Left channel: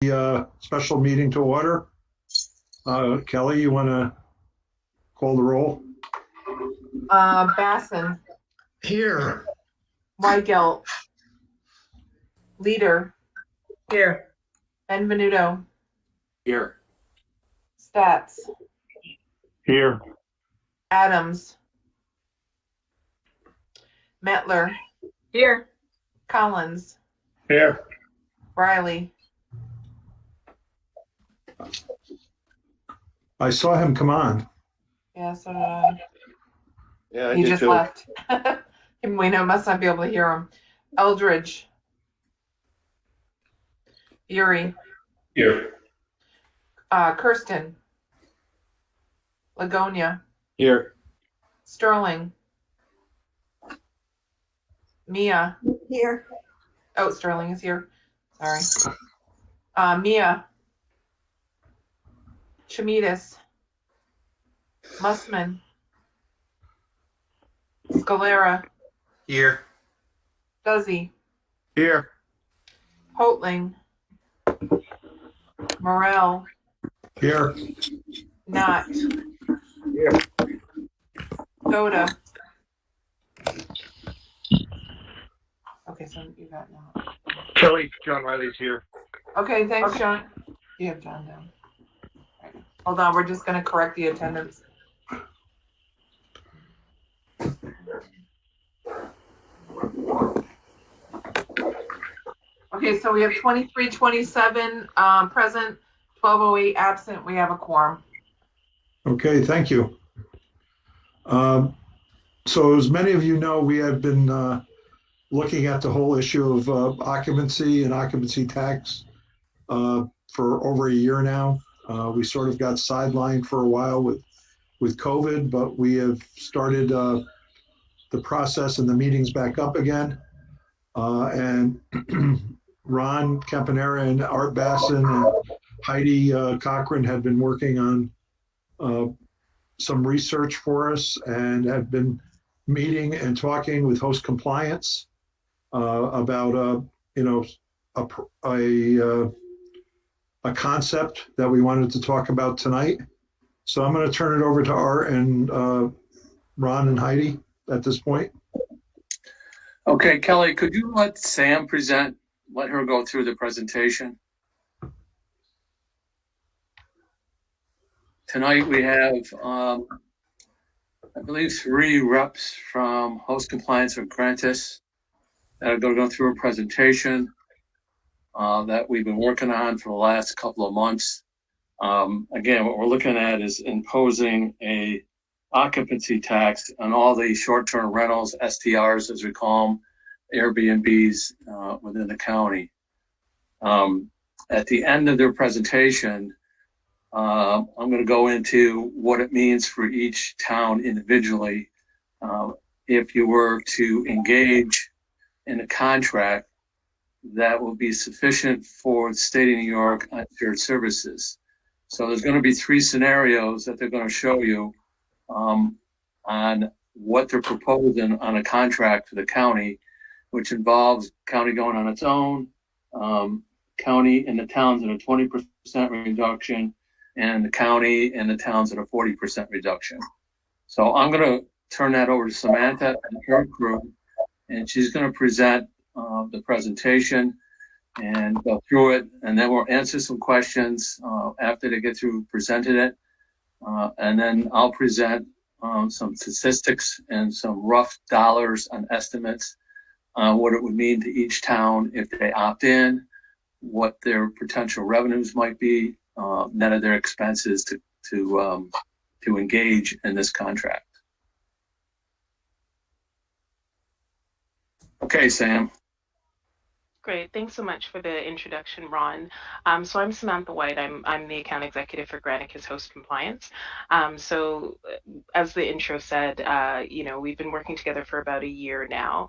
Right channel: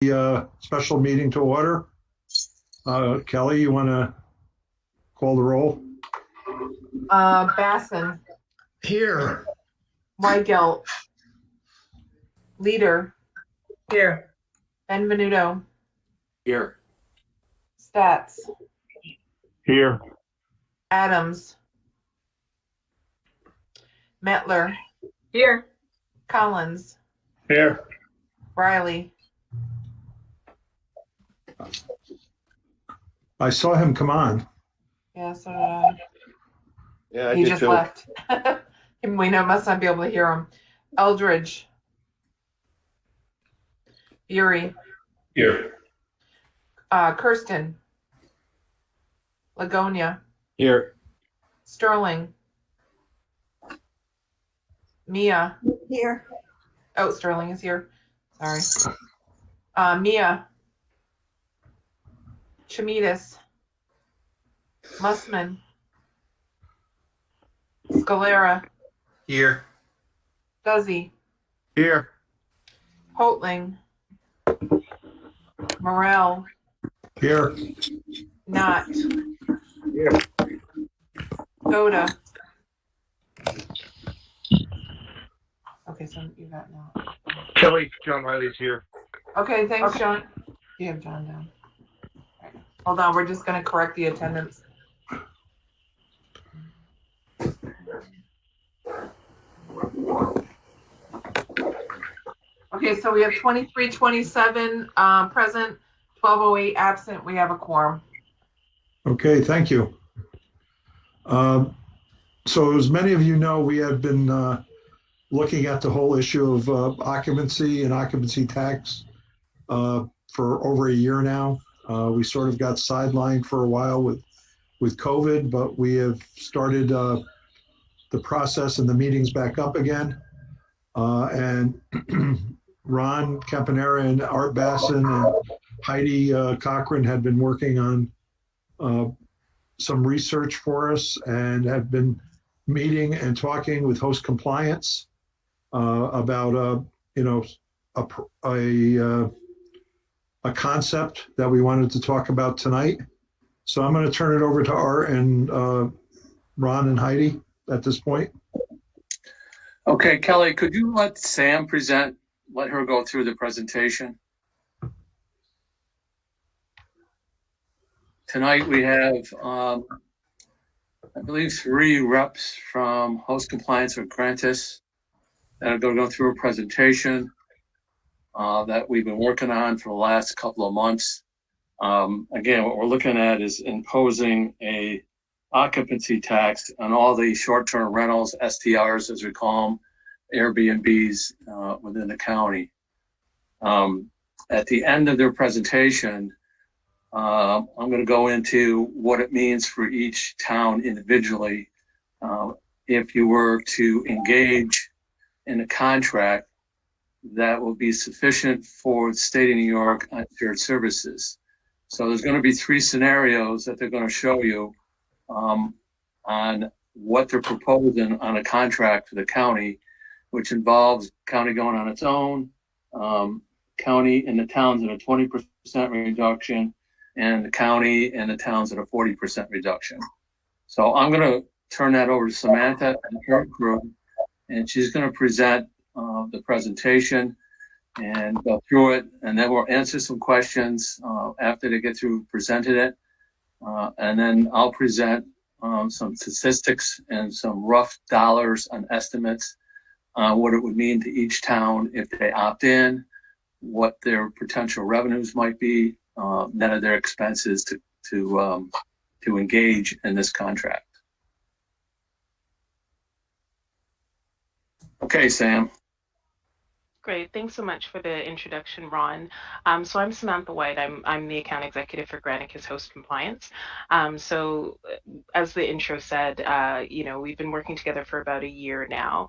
The special meeting to order. Kelly, you want to call the roll? Basson, Here. Weigelt, Leader, Here. Benvenuto, Here. Stats, Here. Adams, Metler, Here. Collins, Here. Riley. I saw him come on. Yeah, so did I. Yeah, I He did just too. left. We must not be able to hear him. Eldridge, Fury, Here. Kirsten, Lagonia, Here. Sterling, Mia. Here. Oh, Sterling is here. Sorry. Mia, Chamidas, Mussman, Scalera, Here. Duzzy, Here. Hoatling, Morel, Here. Knott, Here. Goda. Okay, so you got Knott. Kelly, John Riley's here. Okay, thanks, John. You have John down. Right. Hold on, we're just going to correct the attendance. Okay, so we have 2327 present, 1208 absent. We have a quorum. Okay, thank you. So as many of you know, we have been looking at the whole issue of occupancy and occupancy tax for over a year now. We sort of got sidelined for a while with COVID, but we have started the process and the meetings back up again. And Ron Campanera and Art Basson and Heidi Cochran had been working on some research for us and have been meeting and talking with host compliance about a concept that we wanted to talk about tonight. So I'm going to turn it over to Art and Ron and Heidi at this point. Okay, Kelly, could you let Sam present, let her go through the presentation? Tonight we have, I believe, 3 reps from Host Compliance or Grantis that are going to go through a presentation that we've been working on for the last couple of months. Again, what we're looking at is imposing a occupancy tax on all the short-term rentals, STRs as we call them, Airbnbs within the county. At the end of their presentation, I'm going to go into what it means for each town individually. If you were to engage in a contract that will be sufficient for the state of New York on shared services. So there's going to be 3 scenarios that they're going to show you on what they're proposing on a contract for the county, which involves county going on its own, county and the towns at a 20% reduction, and the county and the towns at a 40% reduction. So I'm going to turn that over to Samantha and her crew, and she's going to present the presentation and go through it, and then we'll answer some questions after they get through presenting it. And then I'll present some statistics and some rough dollars and estimates on what it would mean to each town if they opt in, what their potential revenues might be, net of their expenses to engage in this contract. Okay, Sam. Great. Thanks so much for the introduction, Ron. So I'm Samantha White. I'm the account executive for Granicus Host Compliance. So as the intro said, we've been working together for about a year now,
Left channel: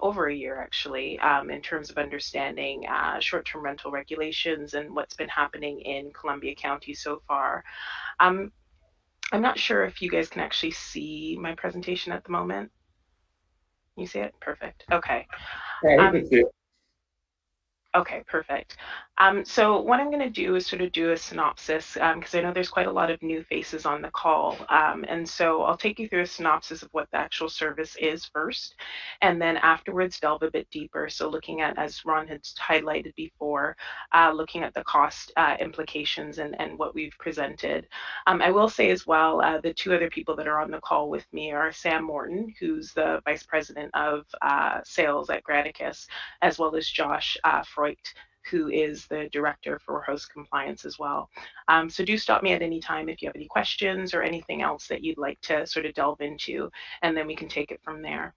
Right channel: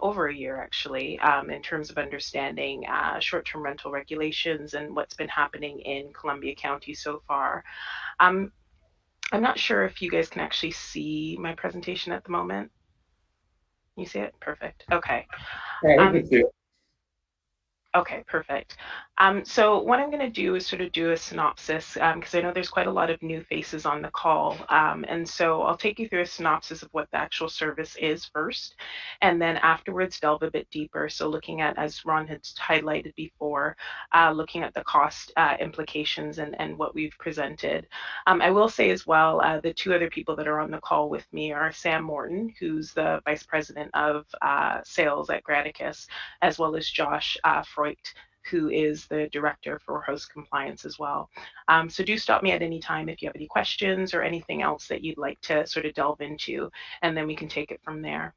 over a year actually, in terms of understanding short-term rental regulations and what's been happening in Columbia County so far. I'm not sure if you guys can actually see my presentation at the moment. You see it? Perfect. Okay. Yeah, we can see it. Okay, perfect. So what I'm going to do is sort of do a synopsis because I know there's quite a lot of new faces on the call. And so I'll take you through a synopsis of what the actual service is first, and then afterwards delve a bit deeper. So looking at, as Ron had highlighted before, looking at the cost implications and what we've presented. I will say as well, the two other people that are on the call with me are Sam Morton, who's the Vice President of Sales at Granicus, as well as Josh Freut, who is the director for host compliance as well. So do stop me at any time if you have any questions or anything else that you'd like to sort of delve into, and then we can take it from there.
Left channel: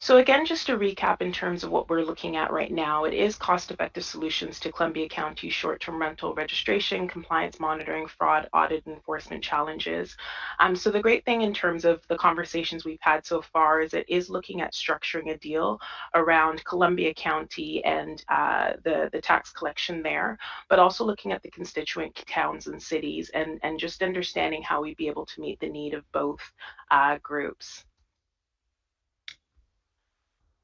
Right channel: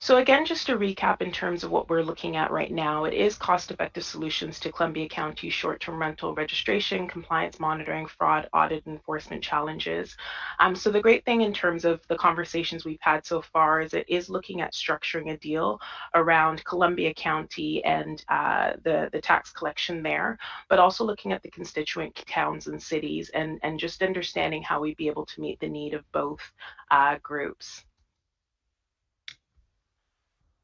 So again, just to recap in terms of what we're looking at right now, it is cost-effective solutions to Columbia County short-term rental registration, compliance monitoring, fraud, audit, enforcement challenges. So the great thing in terms of the conversations we've had so far is it is looking at structuring a deal around Columbia County and the tax collection there, but also looking at the constituent towns and cities and just understanding how we'd be able to meet the need of both groups.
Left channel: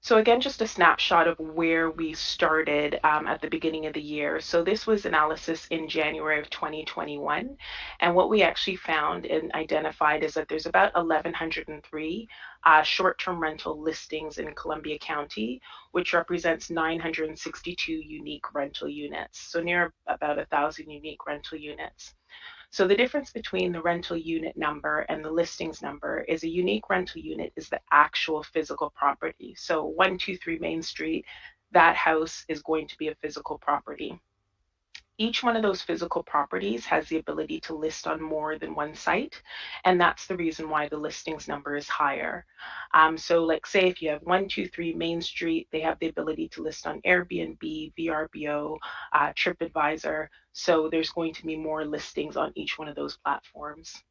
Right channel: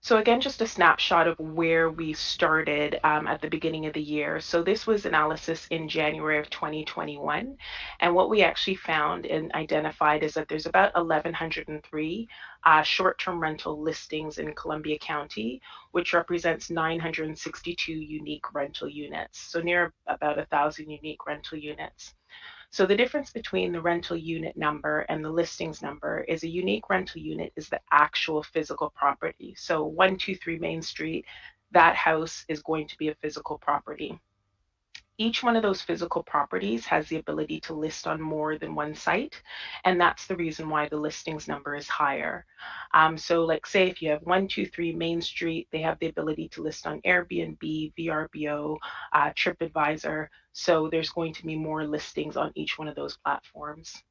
So again, just a snapshot of where we started at the beginning of the year. So this was analysis in January of 2021. And what we actually found and identified is that there's about 1,103 short-term rental listings in Columbia County, which represents 962 unique rental units. So near about 1,000 unique rental units. So the difference between the rental unit number and the listings number is a unique rental unit is the actual physical property. So 123 Main Street, that house is going to be a physical property. Each one of those physical properties has the ability to list on more than one site, and that's the reason why the listings number is higher. So like say if you have 123 Main Street, they have the ability to list on Airbnb, VRBO, TripAdvisor, so there's going to be more listings on each one of those platforms.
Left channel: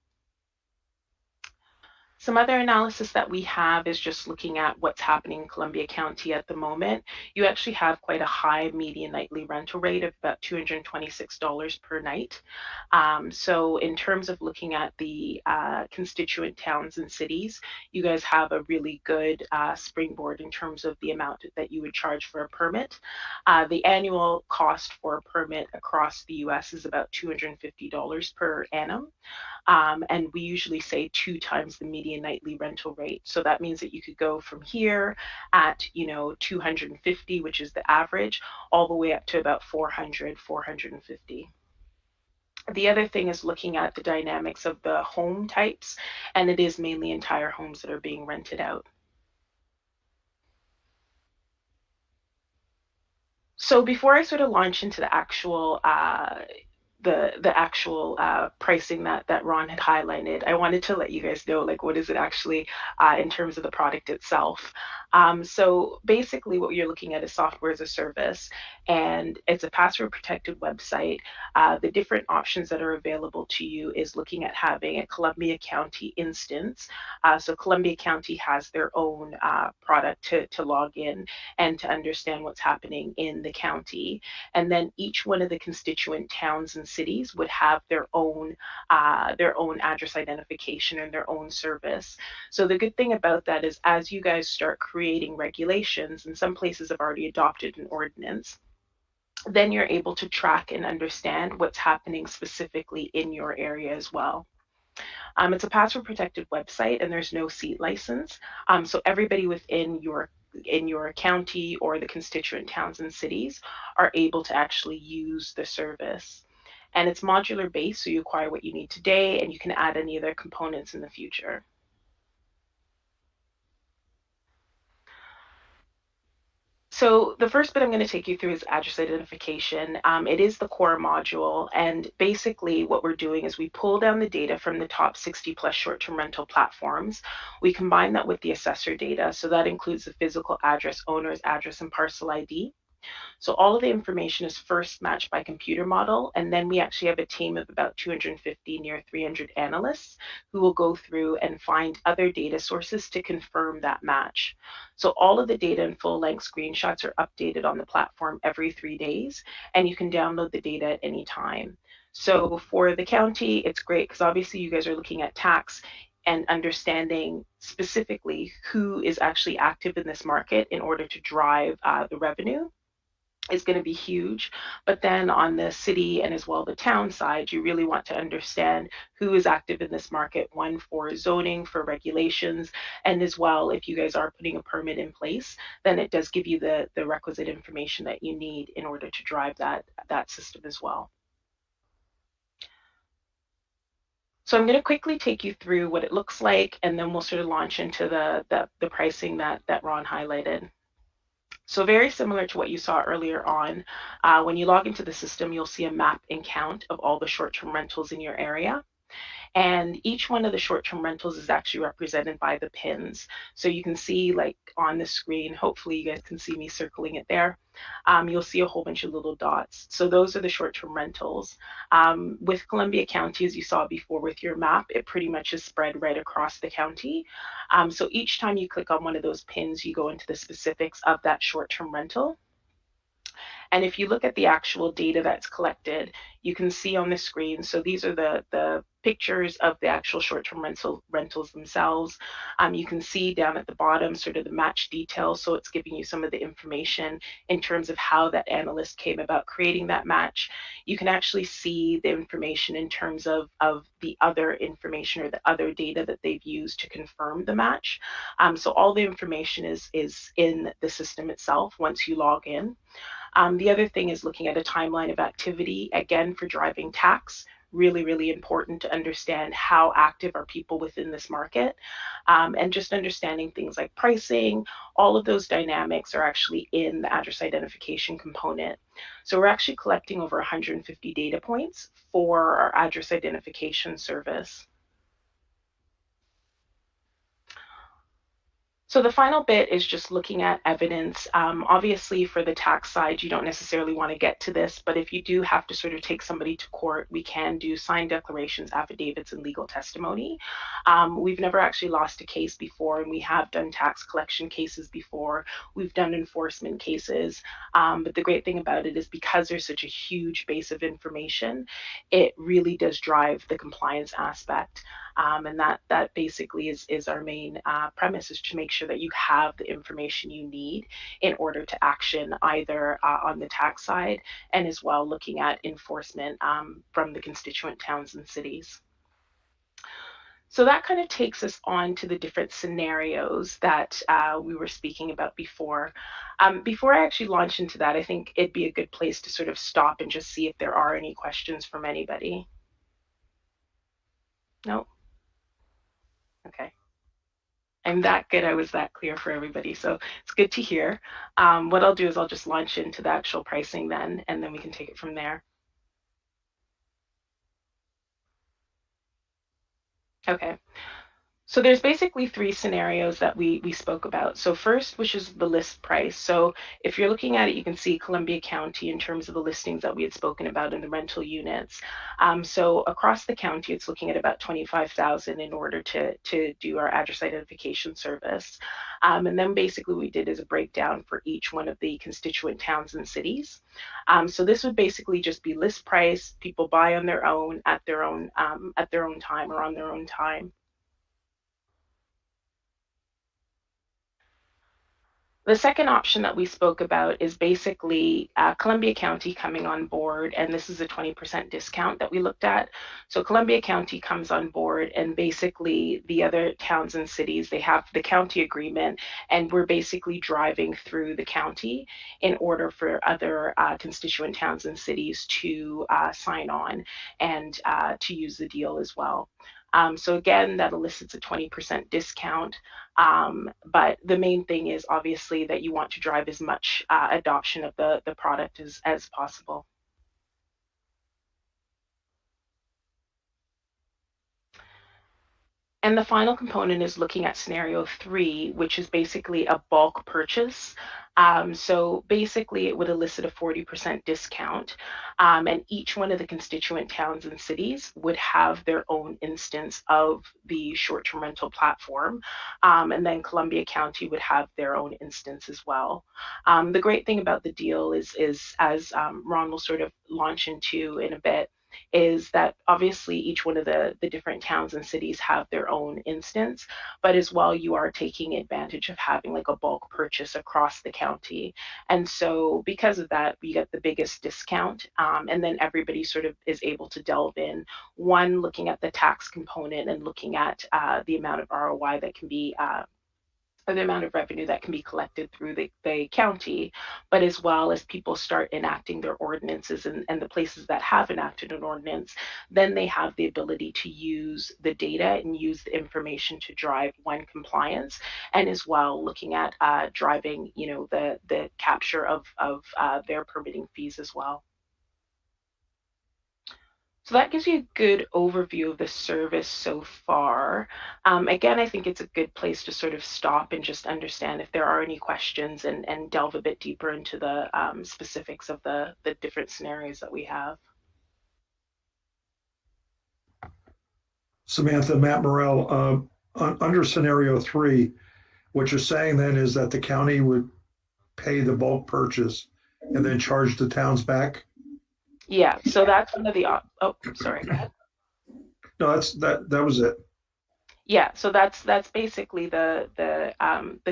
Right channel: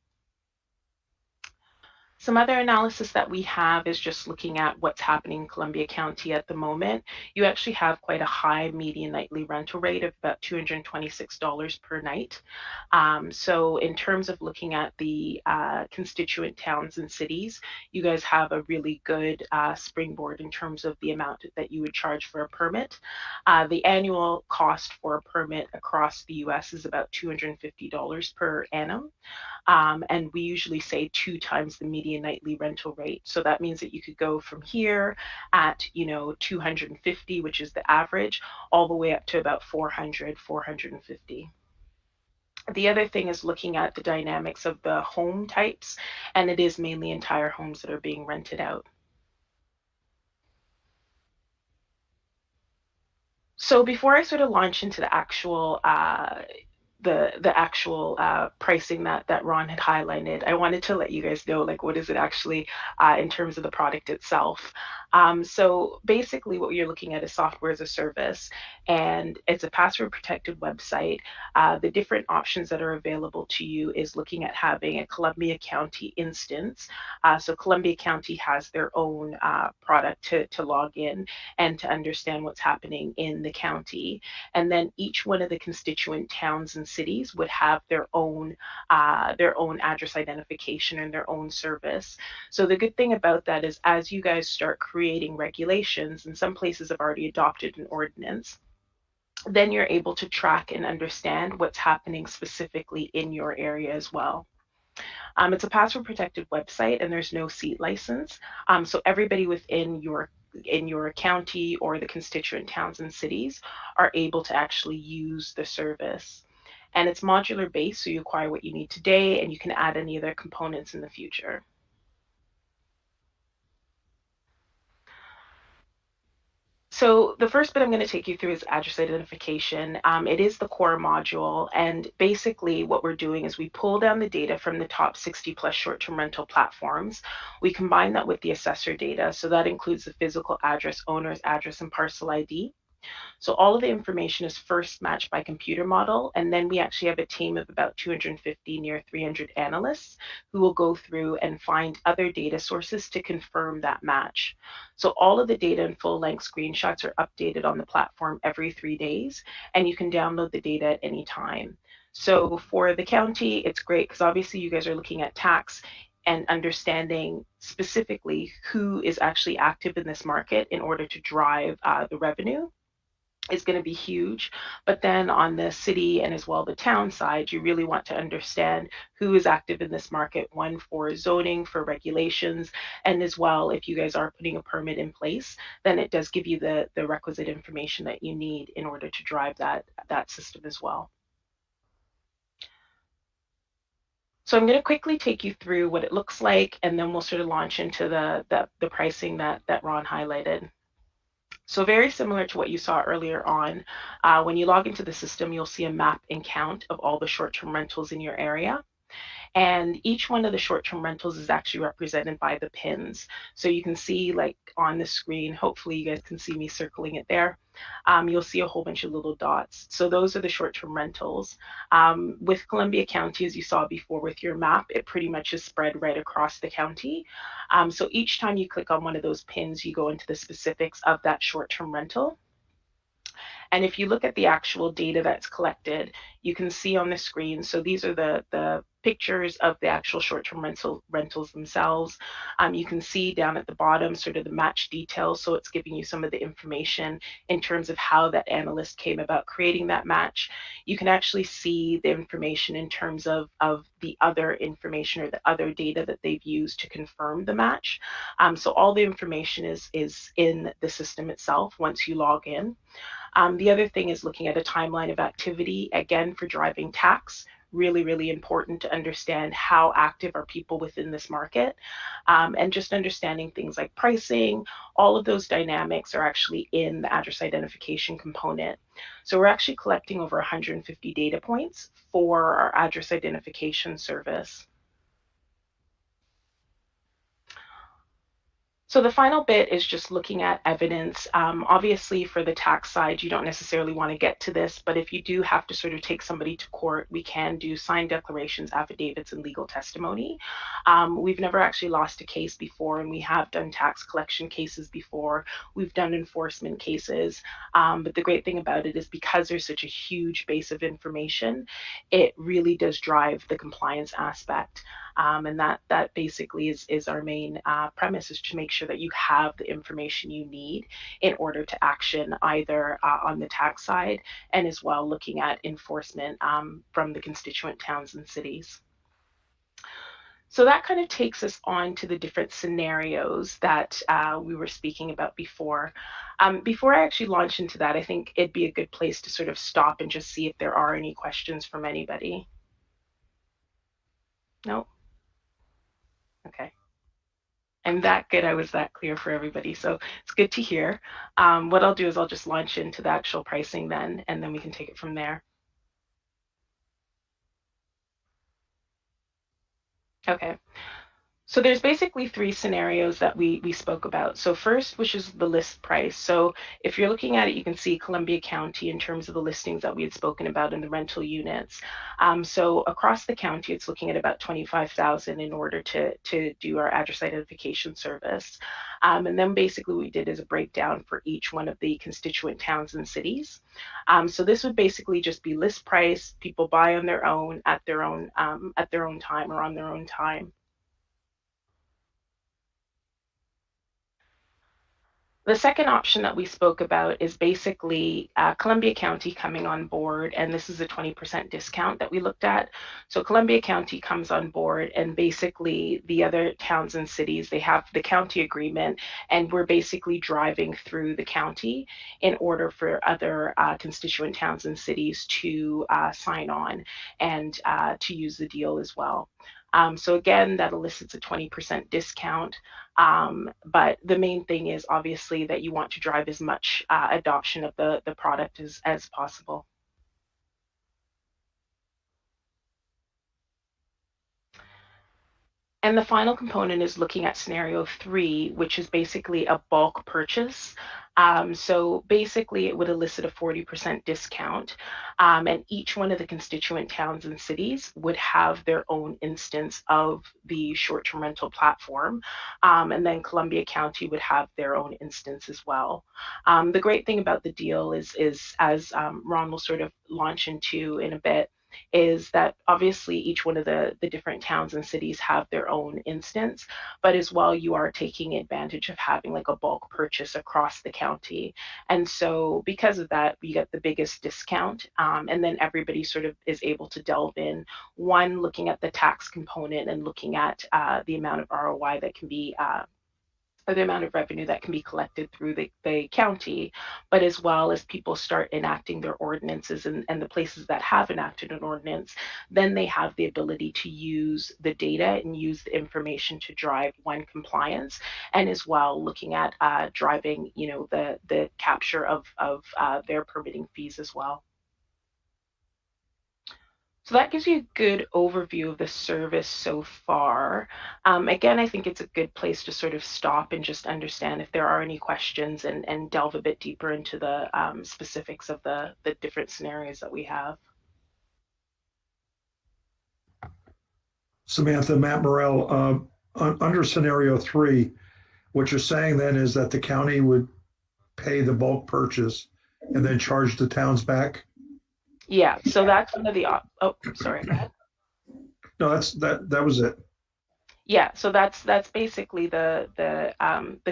Some other analysis that we have is just looking at what's happening in Columbia County at the moment. You actually have quite a high median nightly rental rate of about $226 per night. So in terms of looking at the constituent towns and cities, you guys have a really good springboard in terms of the amount that you would charge for a permit. The annual cost for a permit across the US is about $250 per annum. And we usually say 2 times the median nightly rental rate. So that means that you could go from here at, 250, which is the average, all the way up to about 400, 450. The other thing is looking at the dynamics of the home types, and it is mainly entire homes that are being rented out. So before I sort of launch into the actual pricing that Ron had highlighted, I wanted to let you guys know like what is it actually in terms of the product itself. So basically what you're looking at is software as a service, and it's a password protected website. The different options that are available to you is looking at having a Columbia County instance. So Columbia County has their own product to log in and to understand what's happening in the county. And then each one of the constituent towns and cities would have their own address identification and their own service. So the good thing about that is as you guys start creating regulations, and some places have already adopted an ordinance, then you're able to track and understand what's happening specifically in your area as well. It's a password protected website and there's no seat license. So everybody within your county or the constituent towns and cities are able to actually use the service. And it's modular based, so you acquire what you need today and you can add any other components in the future. So the first bit I'm going to take you through is address identification. It is the core module, and basically what we're doing is we pull down the data from the top 60 plus short-term rental platforms. We combine that with the assessor data, so that includes the physical address, owner's address, and parcel ID. So all of the information is first matched by computer model, and then we actually have a team of about 250, near 300 analysts who will go through and find other data sources to confirm that match. So all of the data and full-length screenshots are updated on the platform every 3 days, and you can download the data at any time. So for the county, it's great because obviously you guys are looking at tax, and understanding specifically who is actually active in this market in order to drive the revenue is going to be huge. But then on the city and as well the town side, you really want to understand who is active in this market, one for zoning, for regulations, and as well, if you guys are putting a permit in place, then it does give you the requisite information that you need in order to drive that system as well. So I'm going to quickly take you through what it looks like, and then we'll sort of launch into the pricing that Ron highlighted. So very similar to what you saw earlier on, when you log into the system, you'll see a map and count of all the short-term rentals in your area. And each one of the short-term rentals is actually represented by the pins. So you can see like on the screen, hopefully you guys can see me circling it there. You'll see a whole bunch of little dots. So those are the short-term rentals. With Columbia County, as you saw before with your map, it pretty much is spread right across the county. So each time you click on one of those pins, you go into the specifics of that short-term rental. And if you look at the actual data that's collected, you can see on the screen, so these are the pictures of the actual short-term rentals themselves. You can see down at the bottom sort of the match details, so it's giving you some of the information in terms of how that analyst came about creating that match. You can actually see the information in terms of the other information or the other data that they've used to confirm the match. So all the information is in the system itself once you log in. The other thing is looking at a timeline of activity, again, for driving tax. Really, really important to understand how active are people within this market, and just understanding things like pricing. All of those dynamics are actually in the address identification component. So we're actually collecting over 150 data points for our address identification service. So the final bit is just looking at evidence. Obviously, for the tax side, you don't necessarily want to get to this, but if you do have to sort of take somebody to court, we can do signed declarations, affidavits, and legal testimony. We've never actually lost a case before, and we have done tax collection cases before. We've done enforcement cases, but the great thing about it is because there's such a huge base of information, it really does drive the compliance aspect. And that basically is our main premise, is to make sure that you have the information you need in order to action either on the tax side and as well looking at enforcement from the constituent towns and cities. So that kind of takes us on to the different scenarios that we were speaking about before. Before I actually launch into that, I think it'd be a good place to sort of stop and just see if there are any questions from anybody. No? Okay. I'm that good. I was that clear for everybody. So it's good to hear. What I'll do is I'll just launch into the actual pricing then, and then we can take it from there. Okay. So there's basically three scenarios that we spoke about. So first, which is the list price. So if you're looking at it, you can see Columbia County in terms of the listings that we had spoken about in the rental units. So across the county, it's looking at about 25,000 in order to do our address identification service. And then basically what we did is a breakdown for each one of the constituent towns and cities. So this would basically just be list price. People buy on their own at their own time or on their own time. The second option that we spoke about is basically Columbia County coming on board, and this is a 20% discount that we looked at. So Columbia County comes on board, and basically the other towns and cities, they have the county agreement, and we're basically driving through the county in order for other constituent towns and cities to sign on and to use the deal as well. So again, that elicits a 20% discount. But the main thing is obviously that you want to drive as much adoption of the product as possible. And the final component is looking at scenario 3, which is basically a bulk purchase. So basically it would elicit a 40% discount, and each one of the constituent towns and cities would have their own instance of the short-term rental platform, and then Columbia County would have their own instance as well. The great thing about the deal is as Ron will sort of launch into in a bit, is that obviously each one of the different towns and cities have their own instance, but as well you are taking advantage of having like a bulk purchase across the county. And so because of that, we get the biggest discount. And then everybody sort of is able to delve in, one, looking at the tax component and looking at the amount of ROI that can be or the amount of revenue that can be collected through the county, but as well as people start enacting their ordinances and the places that have enacted an ordinance, then they have the ability to use the data and use the information to drive one compliance, and as well looking at driving, you know, the capture of their permitting fees as well. So that gives you a good overview of the service so far. Again, I think it's a good place to sort of stop and just understand if there are any questions and delve a bit deeper into the specifics of the different scenarios that we have. Samantha, Matt Morrell, under scenario 3, what you're saying then is that the county would pay the bulk purchase and then charge the towns back? Yeah, so that's one of the, oh, sorry, go ahead. No, that was it. Yeah, so that's basically the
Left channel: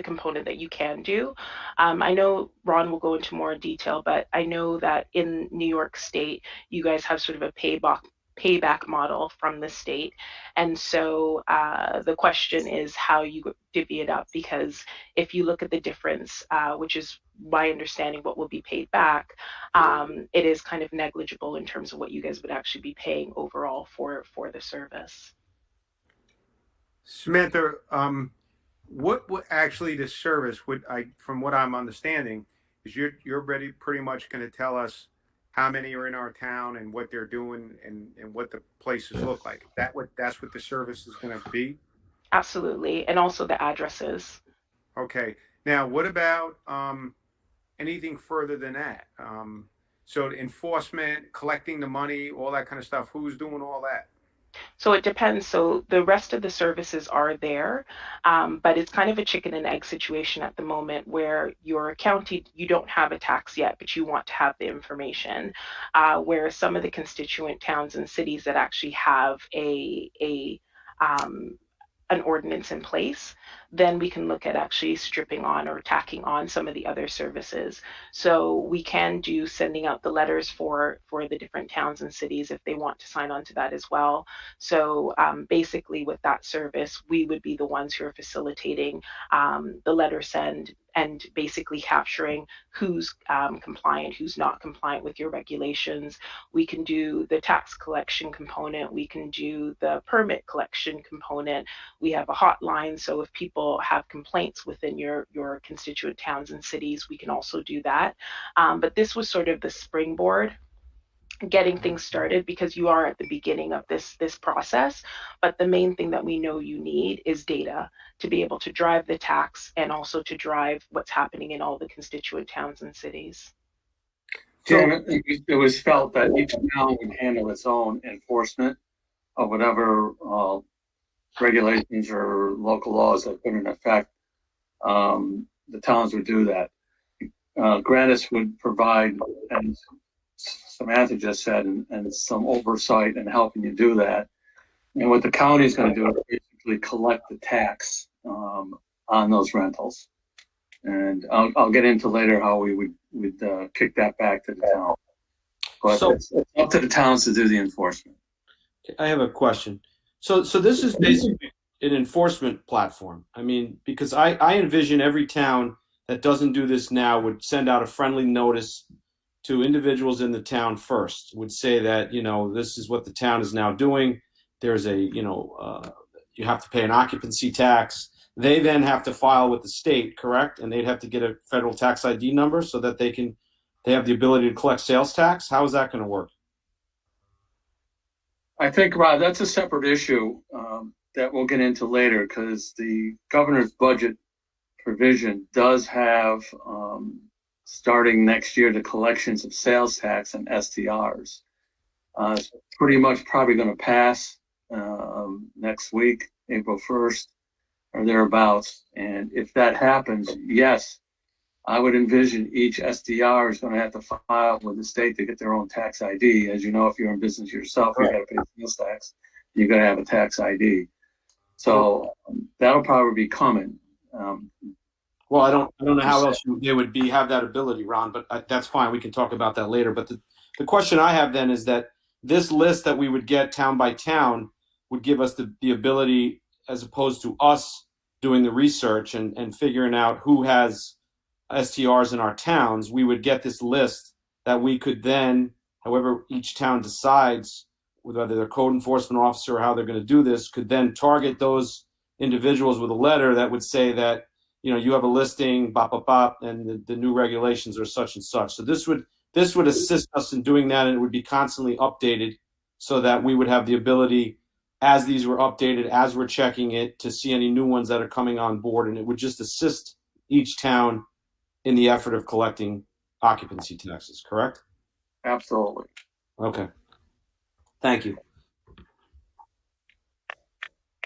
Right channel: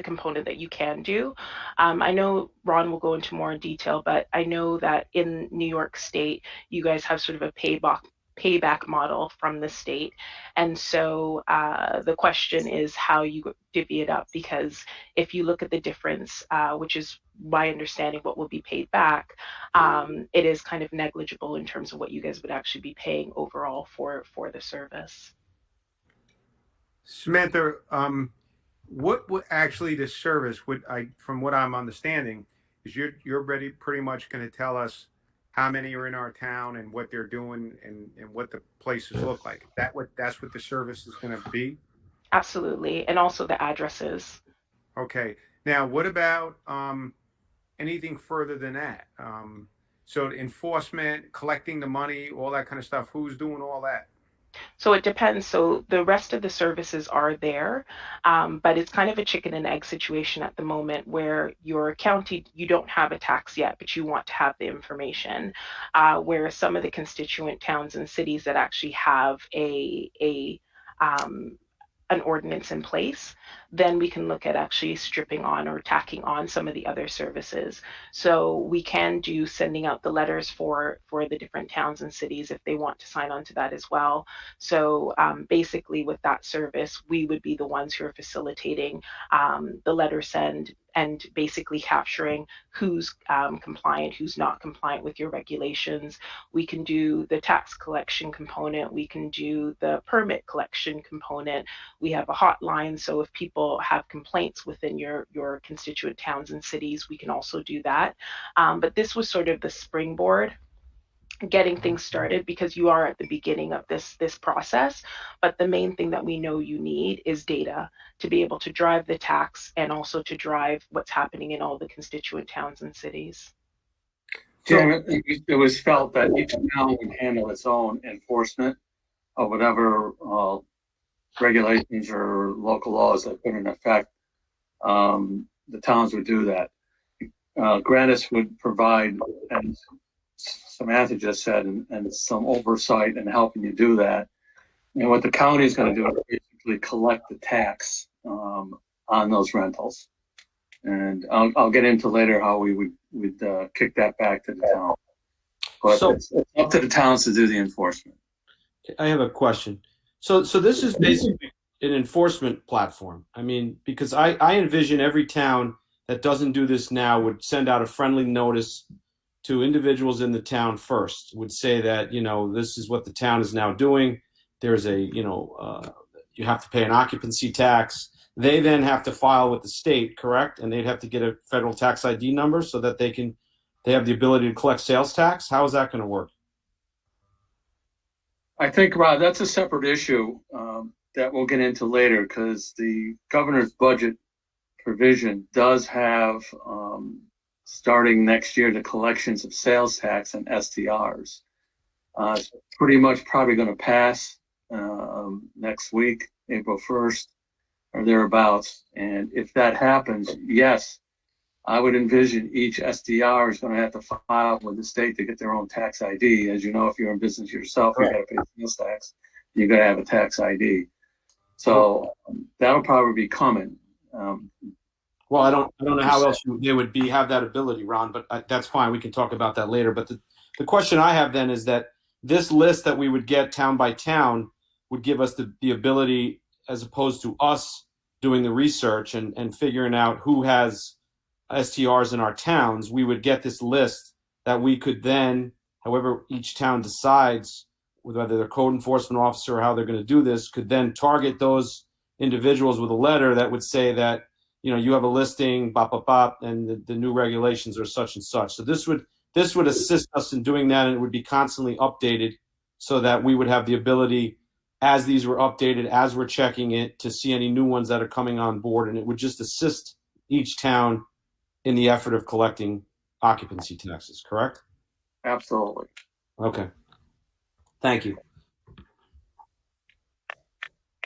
component that you can do. I know Ron will go into more detail, but I know that in New York State, you guys have sort of a payback model from the state, and so the question is how you divvy it up, because if you look at the difference, which is my understanding what will be paid back, it is kind of negligible in terms of what you guys would actually be paying overall for the service. Samantha, what would actually the service from what I'm understanding, is you're pretty much going to tell us how many are in our town and what they're doing and what the places look like. That's what the service is going to be? Absolutely, and also the addresses. Okay. Now, what about anything further than that? So enforcement, collecting the money, all that kind of stuff. Who's doing all that? So it depends. So the rest of the services are there, but it's kind of a chicken and egg situation at the moment where your county, you don't have a tax yet, but you want to have the information. Where some of the constituent towns and cities that actually have an ordinance in place, then we can look at actually stripping on or tacking on some of the other services. So we can do sending out the letters for the different towns and cities if they want to sign on to that as well. So basically with that service, we would be the ones who are facilitating the letter send and basically capturing who's compliant, who's not compliant with your regulations. We can do the tax collection component. We can do the permit collection component. We have a hotline, so if people have complaints within your constituent towns and cities, we can also do that. But this was sort of the springboard, getting things started, because you are at the beginning of this process. But the main thing that we know you need is data to be able to drive the tax and also to drive what's happening in all the constituent towns and cities. Jim, it was felt that each town would handle its own enforcement of whatever regulations or local laws that put in effect. The towns would do that. Grantis would provide, and Samantha just said, and some oversight and helping you do that. And what the county is going to do is basically collect the tax on those rentals. And I'll get into later how we would kick that back to the town. But So- it's up to the towns to do the enforcement. I have a question. So this is basically an enforcement platform. I mean, because I envision every town that doesn't do this now would send out a friendly notice to individuals in the town first, would say that, you know, this is what the town is now doing. There's you have to pay an occupancy tax. They then have to file with the state, correct? And they'd have to get a federal tax ID number so that they have the ability to collect sales tax. How is that going to work? I think, Rob, that's a separate issue that we'll get into later, because the governor's budget provision does have, starting next year, the collections of sales tax and STRs. It's pretty much probably going to pass next week, April 1st or thereabouts. And if that happens, yes, I would envision each SDR is going to have to file with the state to get their own tax ID. As you know, if you're in business yourself, you got to pay sales tax. You're going to have a tax ID. So that'll probably be coming. Well, I don't know how else they would have that ability, Ron, but that's fine. We can talk about that later. But the question I have then is that this list that we would get town by town would give us the ability, as opposed to us doing the research and figuring out who has STRs in our towns, we would get this list that we could then, however each town decides, whether they're code enforcement officer or how they're going to do this, could then target those individuals with a letter that would say that, you know, you have a listing, bop, bop, bop, and the new regulations are such and such. So this would assist us in doing that, and it would be constantly updated so that we would have the ability, as these were updated, as we're checking it, to see any new ones that are coming on board, and it would just assist each town in the effort of collecting occupancy taxes, correct? Absolutely. Okay. Thank you.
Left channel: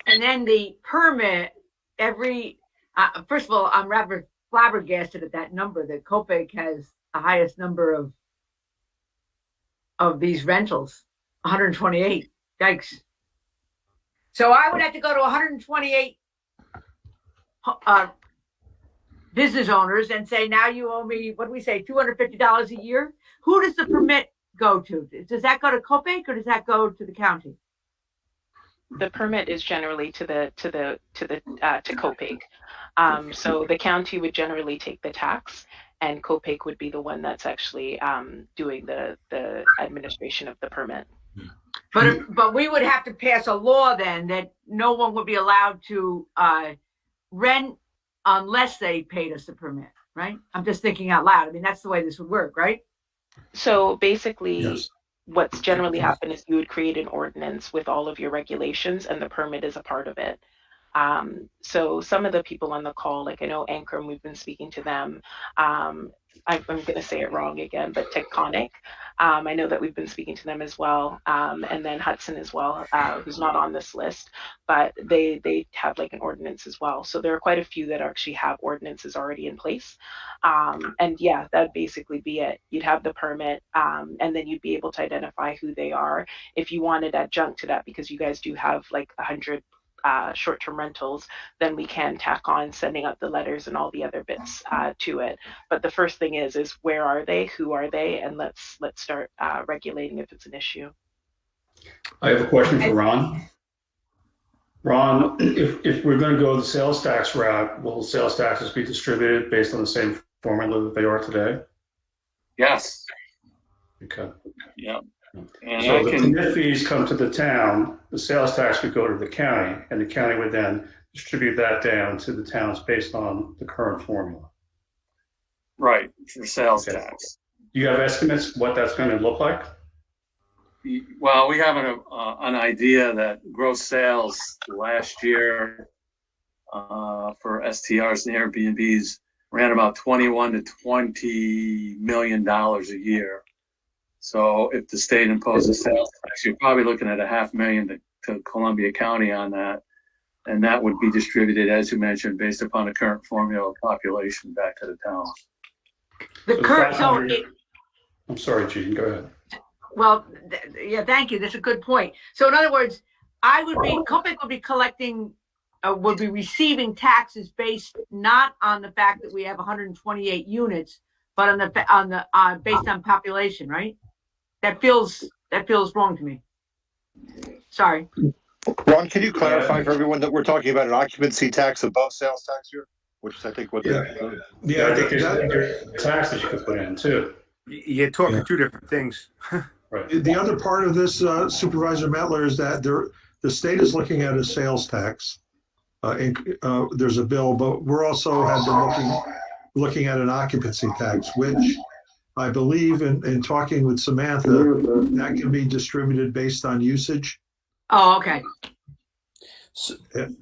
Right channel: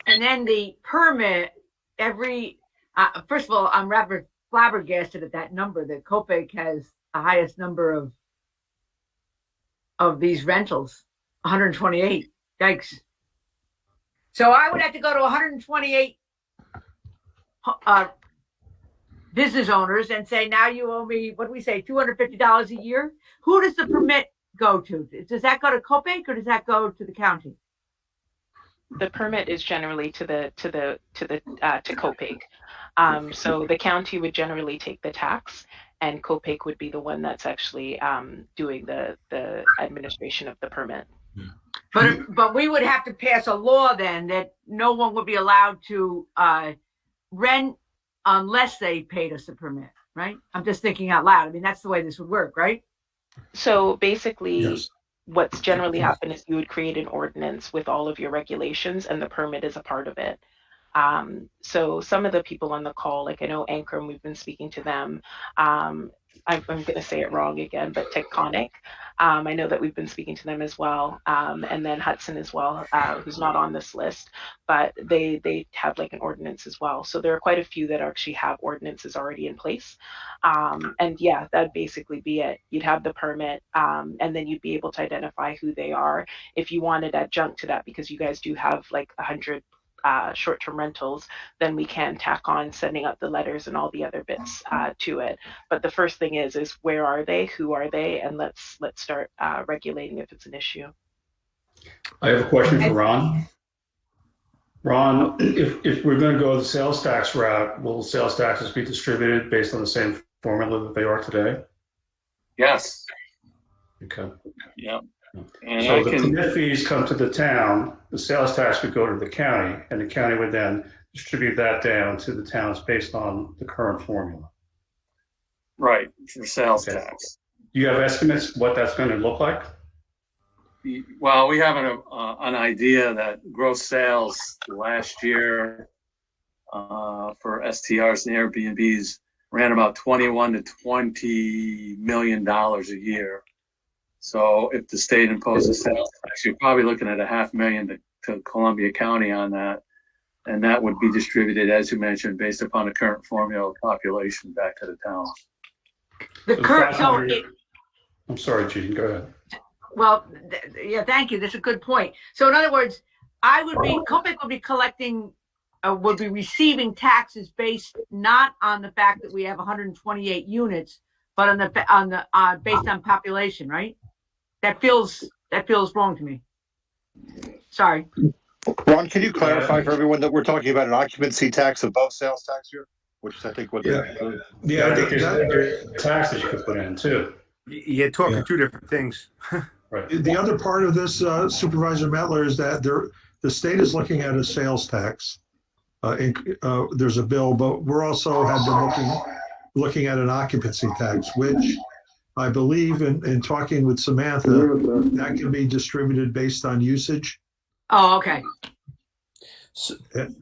And then the permit, first of all, I'm rather flabbergasted at that number, that Copic has the highest number of these rentals, 128. Yikes. So I would have to go to 128 business owners and say, now you owe me, what do we say, $250 a year? Who does the permit go to? Does that go to Copic or does that go to the county? The permit is generally to Copic. So the county would generally take the tax, and Copic would be the one that's actually doing the administration of the permit. But we would have to pass a law then that no one would be allowed to rent unless they paid us a permit, right? I'm just thinking out loud. I mean, that's the way this would work, right? So basically, Yes. what's generally happened is you would create an ordinance with all of your regulations, and the permit is a part of it. So some of the people on the call, like I know Ankrum, we've been speaking to them. I'm going to say it wrong again, but Tectonic. I know that we've been speaking to them as well, and then Hudson as well, who's not on this list, but they have like an ordinance as well. So there are quite a few that actually have ordinances already in place. And yeah, that'd basically be it. You'd have the permit, and then you'd be able to identify who they are. If you wanted adjunct to that, because you guys do have like 100 short-term rentals, then we can tack on sending out the letters and all the other bits to it. But the first thing is where are they, who are they, and let's start regulating if it's an issue. I have a question for Ron. Ron, if we're going to go the sales tax route, will the sales taxes be distributed based on the same formula that they are today? Yes. Okay. Yeah. And So the permit fees come to the town, the sales tax would go to the county, and the county would then distribute that down to the towns based on the current formula. Right, for sales Okay. tax. Do you have estimates what that's going to look like? Well, we have an idea that gross sales last year for STRs and Airbnbs ran about $21 to $20 million a year. So if the state imposes sales tax, you're probably looking at $500,000 to Columbia County on that. And that would be distributed, as you mentioned, based upon the current formula of population back to the towns. The So current, so 500 I'm sorry, Gene, go ahead. well, yeah, thank you. That's a good point. So in other words, Copic would be collecting, would be receiving taxes based not on the fact that we have 128 units, but on the based on population, right? That feels wrong to me. Sorry. Ron, can you clarify for everyone that we're talking about an occupancy tax above sales tax here? Which is, I think, what Yeah. Yeah, I think that- there's taxes you could put in too. You're talking Yeah. two different things. Right. The other part of this, Supervisor Metler, is that the state is looking at a sales tax. There's a bill, but we're also have been looking at an occupancy tax, which I believe in talking with Samantha, that can be distributed based on usage. Oh, okay.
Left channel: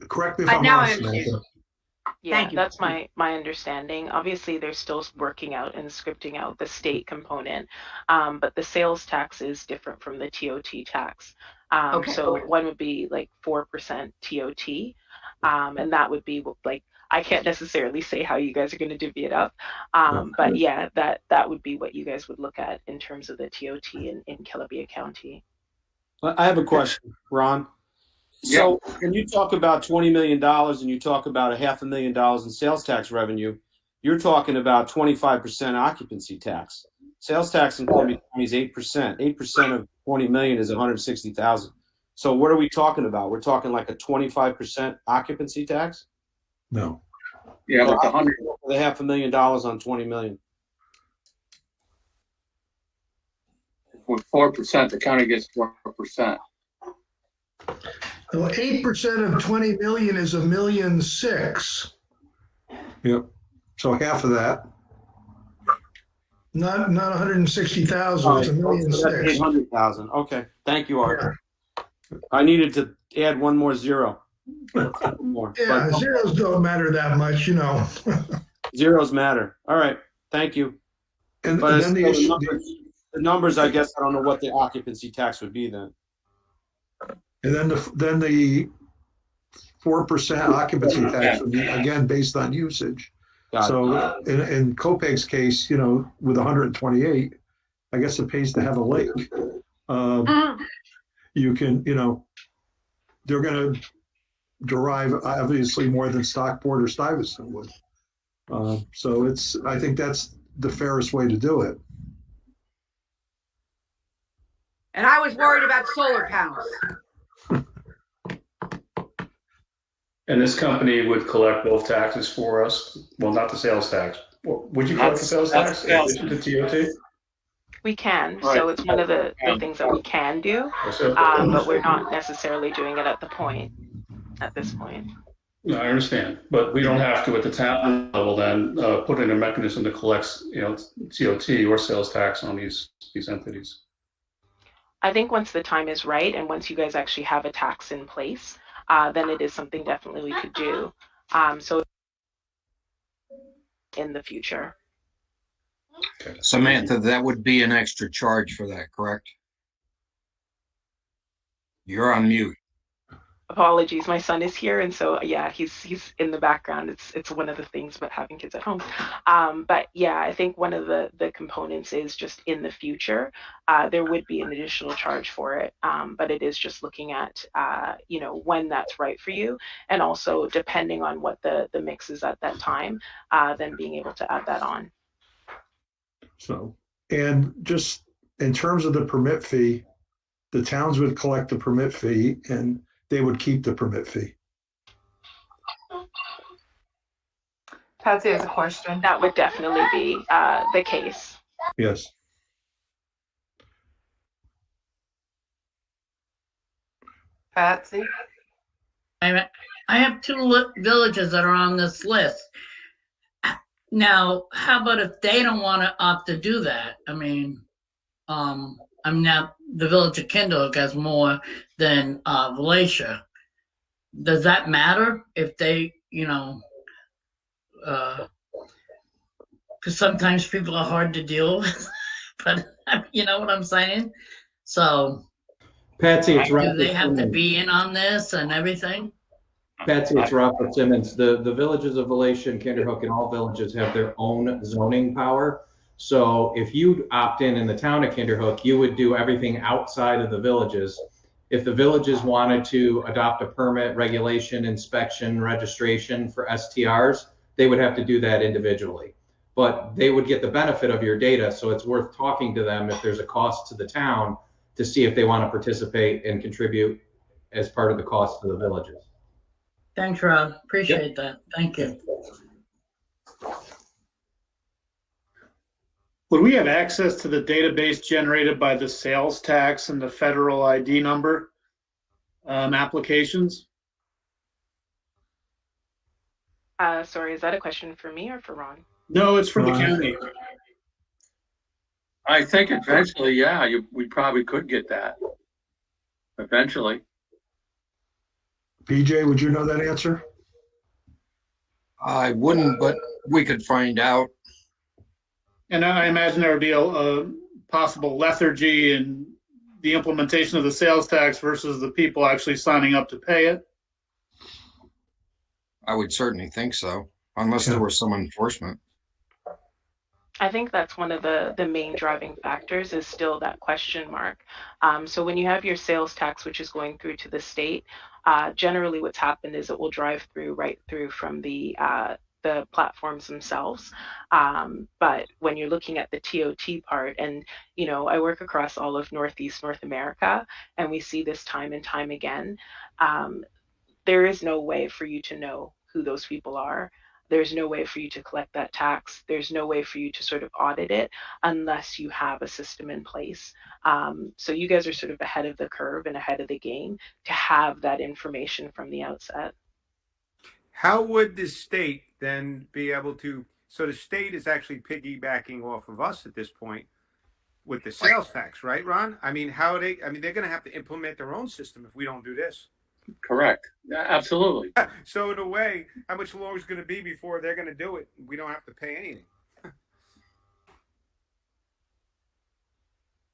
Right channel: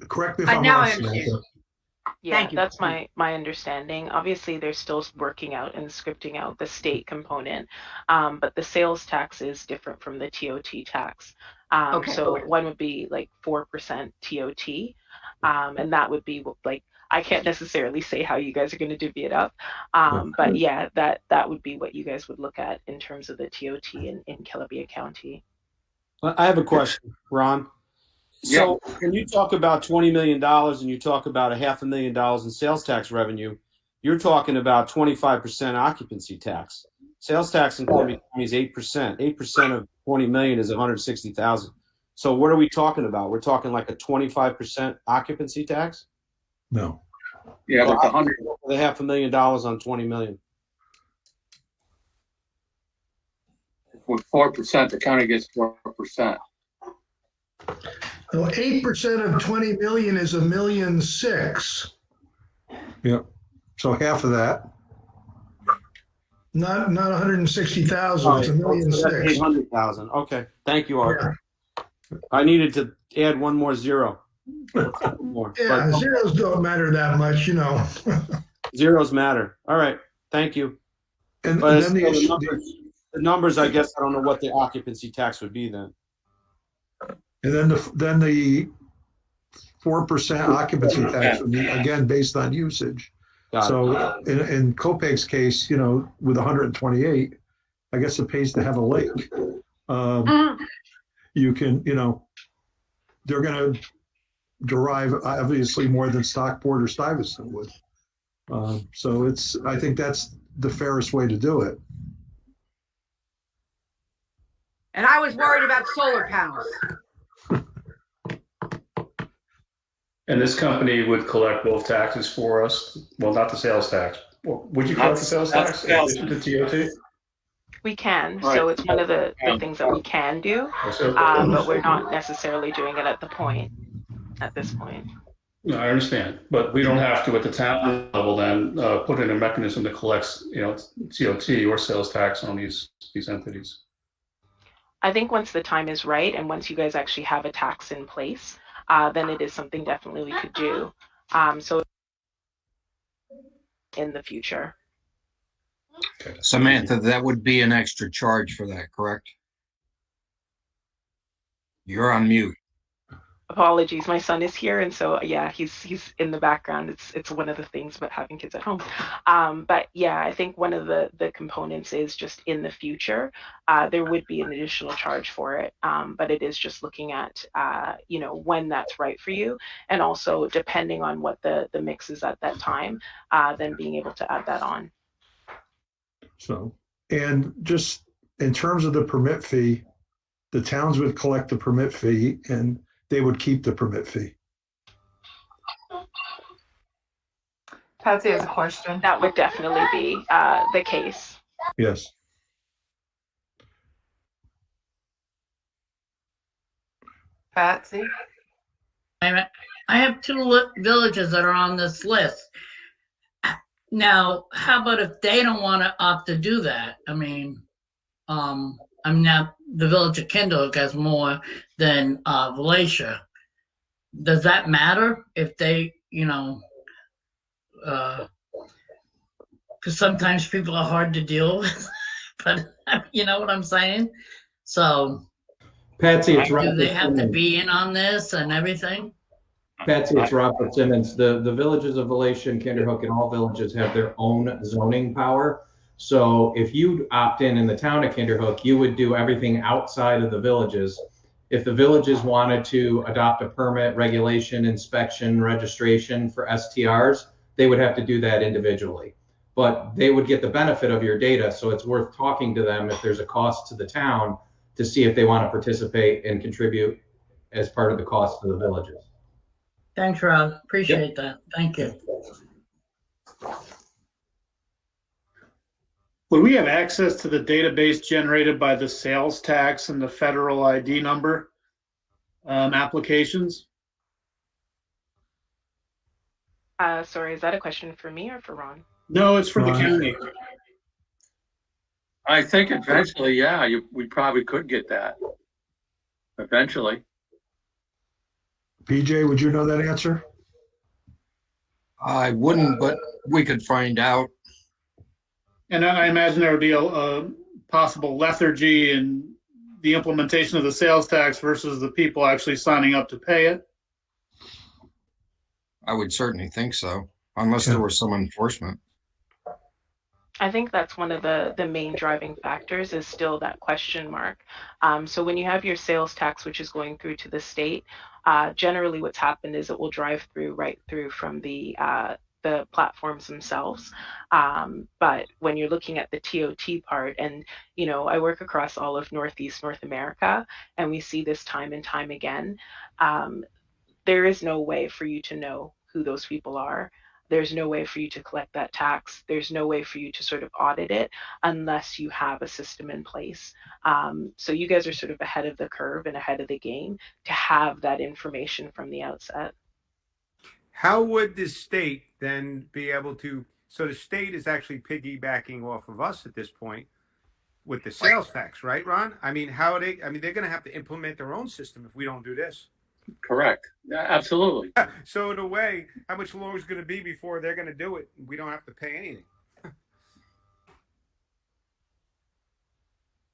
Correct me if I'm Now wrong, I understand. Samantha. Yeah, Thank you. that's my understanding. Obviously, they're still working out and scripting out the state component, but the sales tax is different from the TOT tax. Okay. So one would be like 4% TOT, and that would be like I can't necessarily say how you guys are going to divvy it up. But yeah, that would be what you guys would look at in terms of the TOT in Columbia County. I have a question, Ron. So when you talk about $20 million and you talk about $500,000 in sales tax revenue, you're talking about 25% occupancy tax. Sales tax in Columbia County is 8%. 8% of 20 million is 160,000. So what are we talking about? We're talking like a 25% occupancy tax? No. Yeah, like the $500,000 on 20 million. with 4%, the county gets 4%. So 8% of 20 million is $1.6 million. Yep. So half of that. Not 160,000. It's $1.6 million. 800,000. Okay. Thank you, Art. Yeah. I needed to add one more zero. More. Yeah, but zeros don't matter that much, you know. Zeros matter. All right. Thank you. And but then the numbers, I guess I don't know what the occupancy tax would be then. And then the 4% occupancy tax would be again based on usage. So in Copeg's case, you know, with 128, I guess it pays to have a lake. You can, you know, they're going to derive obviously more than Stockport or Stuyvesant would. So I think that's the fairest way to do it. And I was worried about solar panels. And this company would collect both taxes for us. Well, not the sales tax. Would you collect the sales tax in addition to TOT? We can. Right. So it's one of the things that we can do, but we're not necessarily doing it at this point. No, I understand, but we don't have to at the town level then put in a mechanism to collect, you know, TOT or sales tax on these entities. I think once the time is right and once you guys actually have a tax in place, then it is something definitely we could do. So in the future. Okay. Samantha, that would be an extra charge for that, correct? You're on mute. Apologies, my son is here, and so yeah, he's in the background. It's one of the things about having kids at home. But yeah, I think one of the components is just in the future, there would be an additional charge for it. But it is just looking at you know, when that's right for you, and also depending on what the mix is at that time, then being able to add that on. So, and just in terms of the permit fee, the towns would collect the permit fee and they would keep the permit fee. Patsy has a question. That would definitely be the case. Yes. Patsy? I have two villages that are on this list. Now, how about if they don't want to opt to do that? I mean, now the village of Kindle has more than Valatia. Does that matter if they, you know, because sometimes people are hard to deal with, but you know what I'm saying? So, Patsy, it's do they have to be in on this and everything? Patsy, it's Robert Simmons. The villages of Valatia and Kinderhook and all villages have their own zoning power. So if you opt in the town of Kinderhook, you would do everything outside of the villages. If the villages wanted to adopt a permit, regulation, inspection, registration for STRs, they would have to do that individually. But they would get the benefit of your data, so it's worth talking to them if there's a cost to the town to see if they want to participate and contribute as part of the cost to the villages. Thanks, Rob. Appreciate that. Thank you. Would we have access to the database generated by the sales tax and the federal ID number applications? Sorry, is that a question for me or for Ron? No, it's for the county. I think eventually, yeah, we probably could get that. Eventually. PJ, would you know that answer? I wouldn't, but we could find out. And I imagine there would be a possible lethargy in the implementation of the sales tax versus the people actually signing up to pay it. I would certainly think so, unless there was some enforcement. I think that's one of the main driving factors is still that question mark. So when you have your sales tax, which is going through to the state, generally what's happened is it will drive through right through from the platforms themselves. But when you're looking at the TOT part, and I work across all of Northeast North America, and we see this time and time again. There is no way for you to know who those people are. There's no way for you to collect that tax. There's no way for you to sort of audit it unless you have a system in place. So you guys are sort of ahead of the curve and ahead of the game to have that information from the outset. How would the state then be able to? So the state is actually piggybacking off of us at this point with the sales tax, right, Ron? I mean, how are they? I mean, they're going to have to implement their own system if we don't do this. Correct. Yeah, absolutely. So in a way, how much longer is it going to be before they're going to do it? We don't have to pay anything.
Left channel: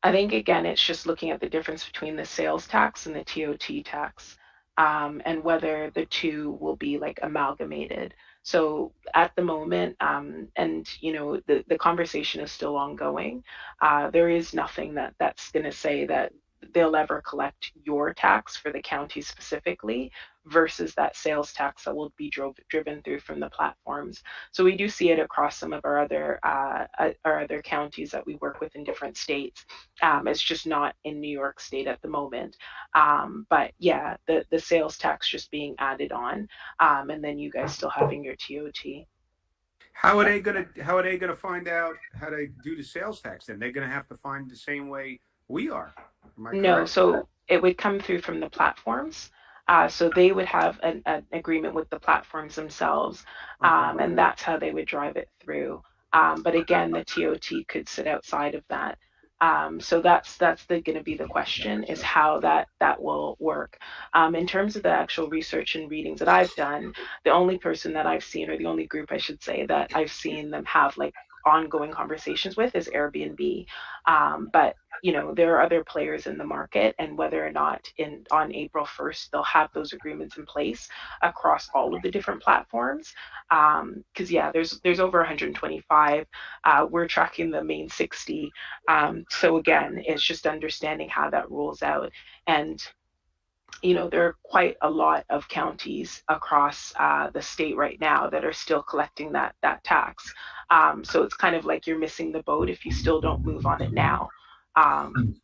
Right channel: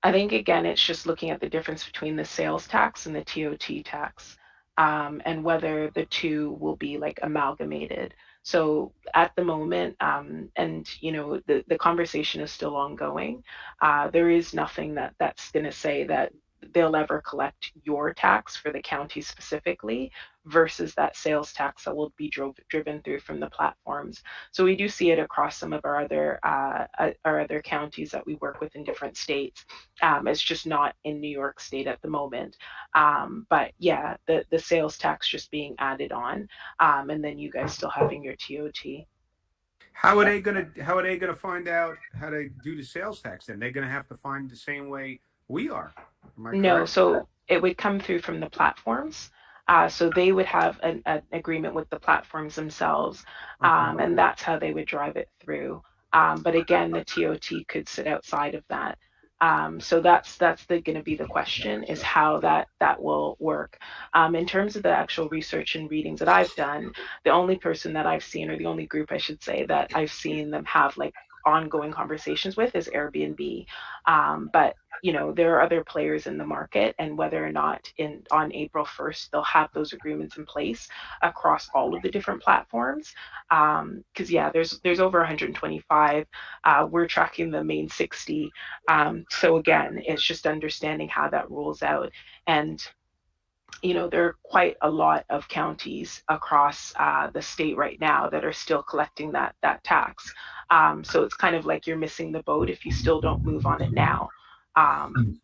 I think, again, it's just looking at the difference between the sales tax and the TOT tax, and whether the two will be like amalgamated. So at the moment, and the conversation is still ongoing. There is nothing that's going to say that they'll ever collect your tax for the county specifically versus that sales tax that will be driven through from the platforms. So we do see it across some of our other counties that we work with in different states. It's just not in New York State at the moment. But yeah, the sales tax just being added on, and then you guys still having your TOT. How are they gonna find out how to do the sales tax? Then they're gonna have to find the same way we are. No, so it would come through from the platforms. So they would have an agreement with the platforms themselves, and that's how they would drive it through. But again, the TOT could sit outside of that. So that's going to be the question, is how that will work. In terms of the actual research and readings that I've done, the only person that I've seen, or the only group I should say, that I've seen them have like ongoing conversations with is Airbnb. But there are other players in the market, and whether or not on April 1st they'll have those agreements in place across all of the different platforms. Because there's over 125. We're tracking the main 60. So again, it's just understanding how that rolls out. And there are quite a lot of counties across the state right now that are still collecting that tax. So it's kind of like you're missing the boat if you still don't move on it now. And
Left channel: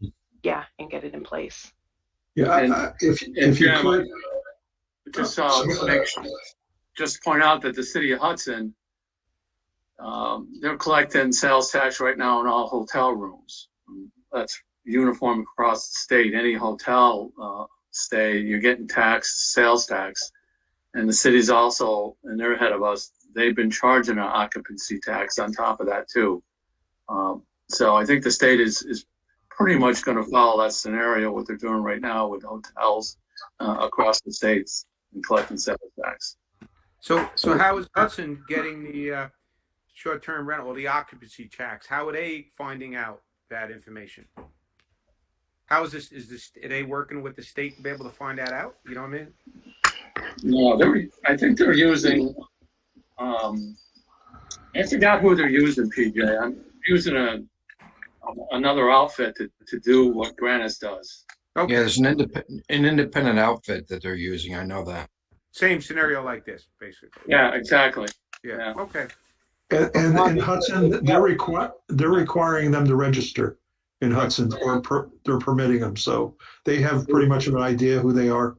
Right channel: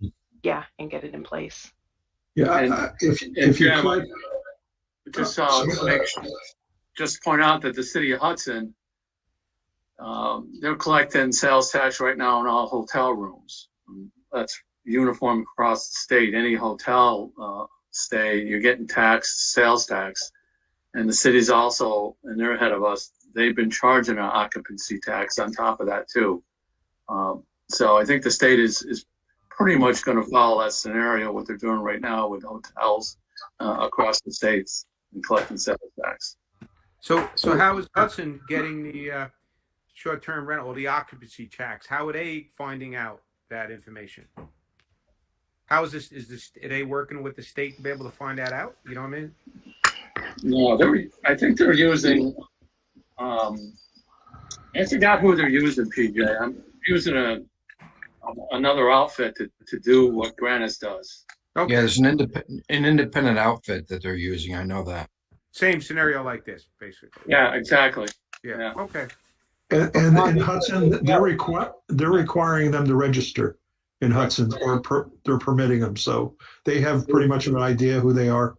get it in place. Yeah, if you could. Just point out that the city of Hudson, they're collecting sales tax right now on all hotel rooms. That's uniform across the state. Any hotel stay, you're getting sales tax. And the city's also, and they're ahead of us, they've been charging an occupancy tax on top of that too. So I think the state is pretty much going to follow that scenario, what they're doing right now with hotels across the states and collecting sales tax. So how is Hudson getting the short-term rental or the occupancy tax? How are they finding out that information? How is this? Are they working with the state to be able to find that out? You know what I mean? No, I think they're using. I forgot who they're using, PJ. I'm using another outfit to do what Grannis does. Okay. Yeah, there's an independent outfit that they're using. I know that. Same scenario like this, basically. Yeah, exactly. Yeah. Okay. And in Hudson, they're requiring them to register in Hudson, or they're permitting them, so they have pretty much of an idea who they are.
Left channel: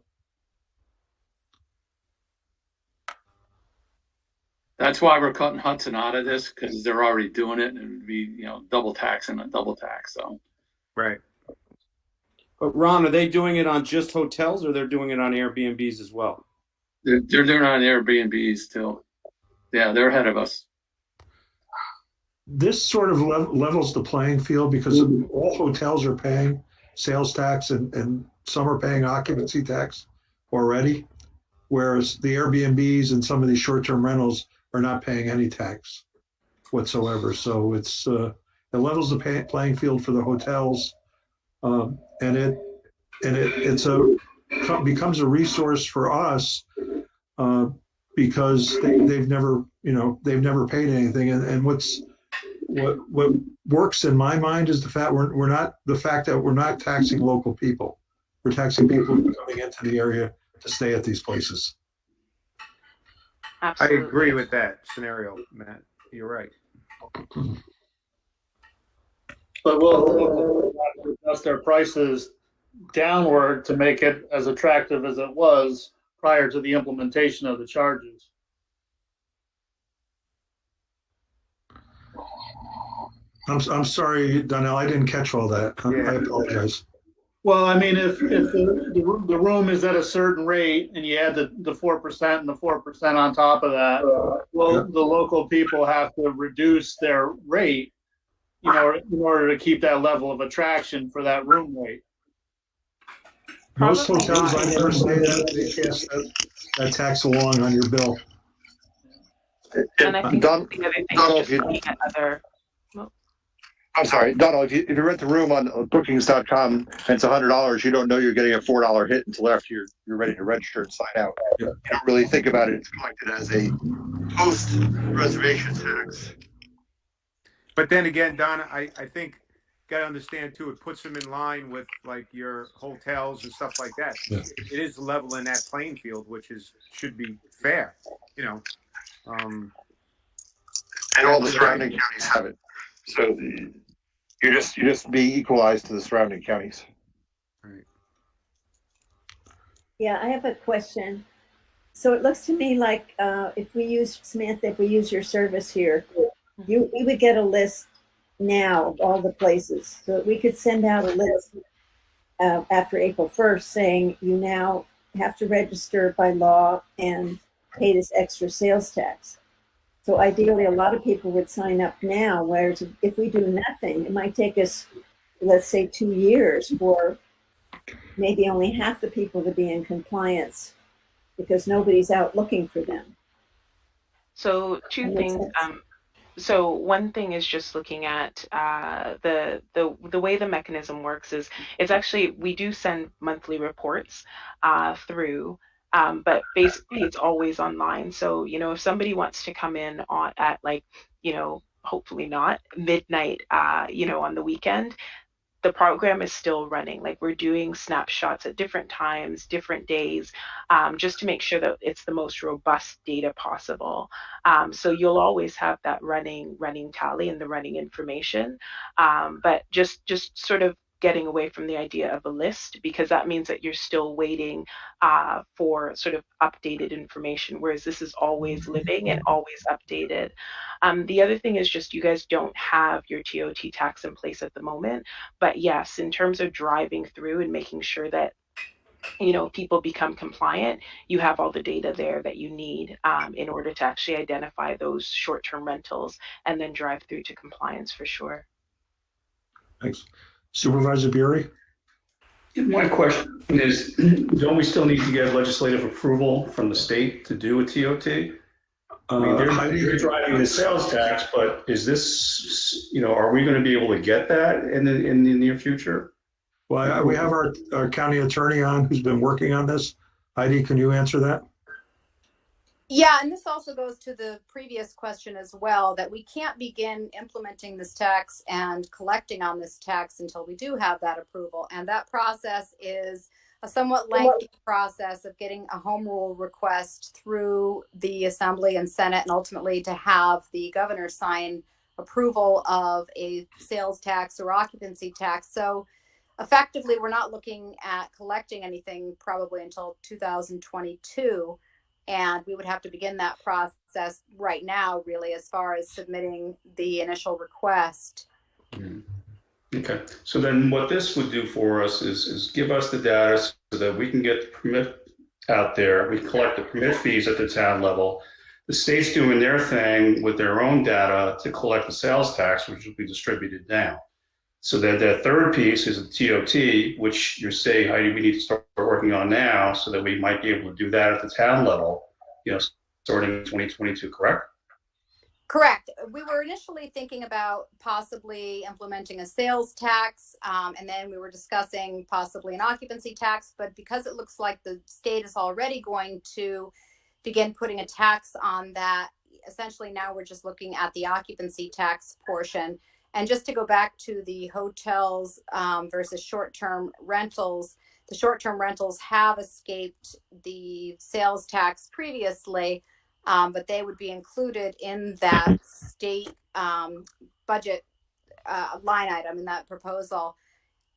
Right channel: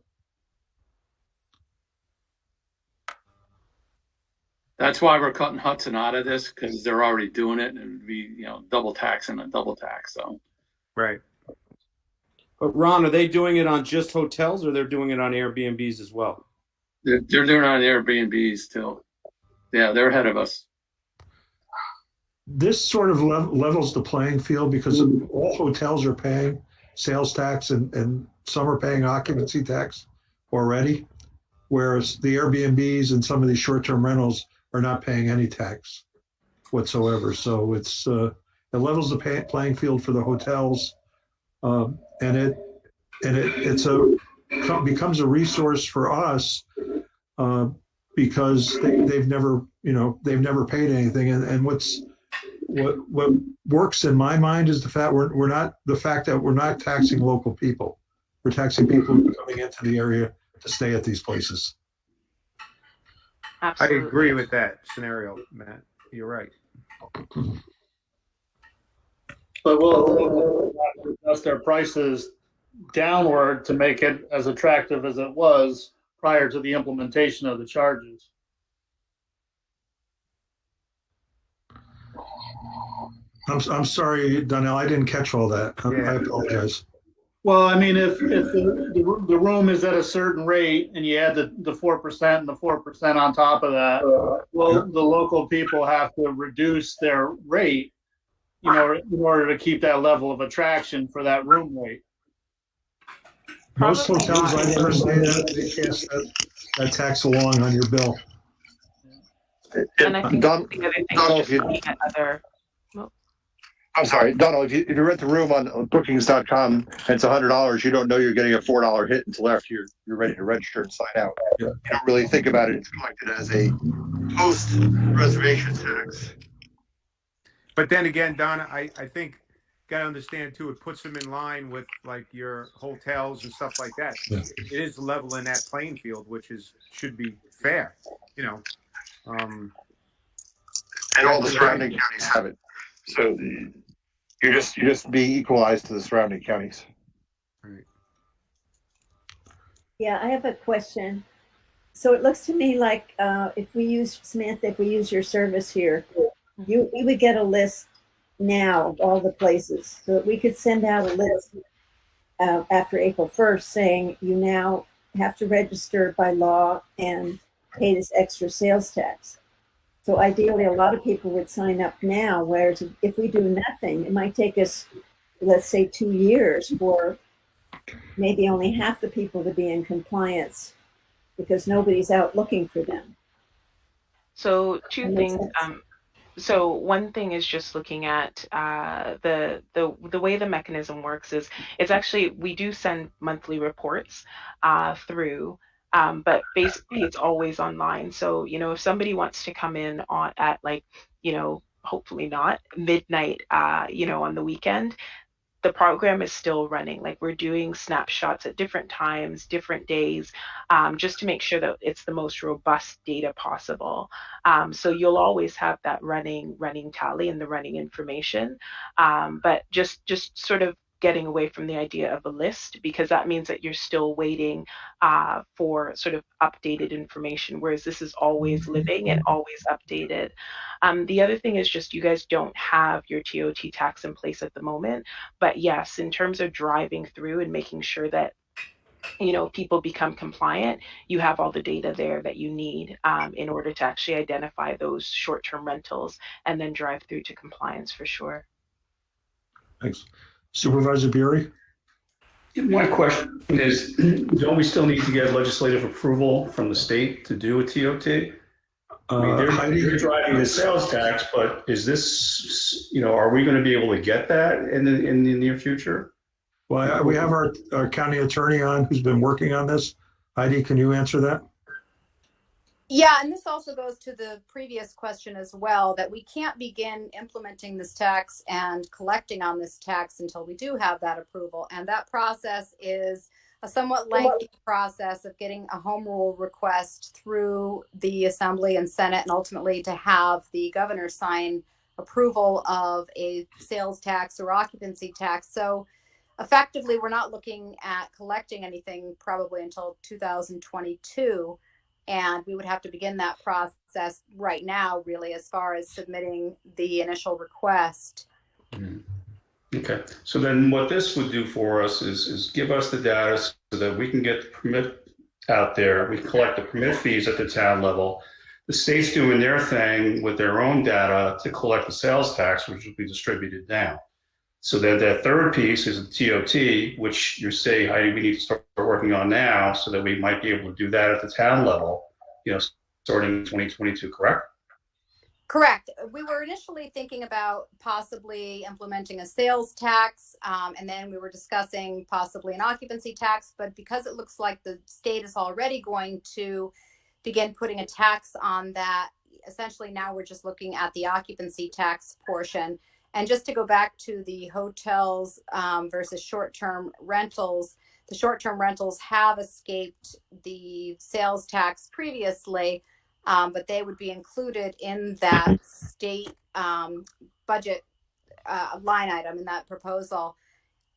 That's why we're cutting Hudson out of this, because they're already doing it, and it would be double tax and a double tax. So. Right. But Ron, are they doing it on just hotels, or they're doing it on Airbnbs as well? They're doing it on Airbnbs too. Yeah, they're ahead of us. This sort of levels the playing field, because all hotels are paying sales tax and some are paying occupancy tax already, whereas the Airbnbs and some of these short-term rentals are not paying any tax whatsoever. So it levels the playing field for the hotels, and it becomes a resource for us because they've never, they've never paid anything. And what works in my mind is the fact that we're not taxing local people. We're taxing people coming into the area to stay at these places. I agree with that scenario, Matt. You're right. But we'll adjust our prices downward to make it as attractive as it was prior to the implementation of the charges. I'm sorry, Donnell, I didn't catch all that. I apologize. Well, I mean, if the room is at a certain rate and you add the 4% and the 4% on top of that, well, the local people have to reduce their rate, in order to keep that level of attraction for that room rate. Most hotels I never stay at, they pass that tax along on your bill. And I think the other thing is just looking at other. I'm sorry, Donald, if you rent the room on bookings.com and it's $100, you don't know you're getting a $4 hit until after you're ready to register and sign out. You don't really think about it. It's collected as a post-reservation tax. But then again, Donna, I think got to understand too, it puts them in line with like your hotels and stuff like that. Yeah. It is leveling that playing field, which should be fair, And all the surrounding counties have it. So you just be equalized to the surrounding counties. Right. Yeah, I have a question. So it looks to me like if we use your service here, we would get a list now of all the places. So that we could send out a list after April 1st saying you now have to register by law and pay this extra sales tax. So ideally, a lot of people would sign up now, whereas if we do nothing, it might take us, let's say, 2 years for maybe only half the people to be in compliance because nobody's out looking for them. So two things. So one thing is just looking at the way the mechanism works is it's actually, we do send monthly reports through. But basically it's always online. So, if somebody wants to come in at hopefully not midnight, on the weekend, the program is still running. Like we're doing snapshots at different times, different days, just to make sure that it's the most robust data possible. So you'll always have that running tally and the running information. But just sort of getting away from the idea of a list, because that means that you're still waiting for sort of updated information, whereas this is always living and always updated. The other thing is just you guys don't have your TOT tax in place at the moment, but yes, in terms of driving through and making sure that people become compliant, you have all the data there that you need in order to actually identify those short-term rentals and then drive through to compliance for sure. Thanks. Supervisor Bury? My question is, don't we still need to get legislative approval from the state to do a TOT? I mean, they're driving the sales tax, but is this, are we going to be able to get that in the near future? Well, we have our county attorney on who's been working on this. Heidi, can you answer that? Yeah, and this also goes to the previous question as well, that we can't begin implementing this tax and collecting on this tax until we do have that approval. And that process is a somewhat lengthy process of getting a home rule request through the Assembly and Senate, and ultimately to have the governor sign approval of a sales tax or occupancy tax. So effectively, we're not looking at collecting anything probably until 2022. And we would have to begin that process right now, really, as far as submitting the initial request. Okay, so then what this would do for us is give us the data so that we can get the permit out there. We collect the permit fees at the town level. The state's doing their thing with their own data to collect the sales tax, which will be distributed down. So that third piece is a TOT, which you're saying, Heidi, we need to start working on now so that we might be able to do that at the town level, starting in 2022, correct? Correct. We were initially thinking about possibly implementing a sales tax, and then we were discussing possibly an occupancy tax, but because it looks like the state is already going to begin putting a tax on that. Essentially, now we're just looking at the occupancy tax portion. And just to go back to the hotels versus short-term rentals, the short-term rentals have escaped the sales tax previously, but they would be included in that state budget line item in that proposal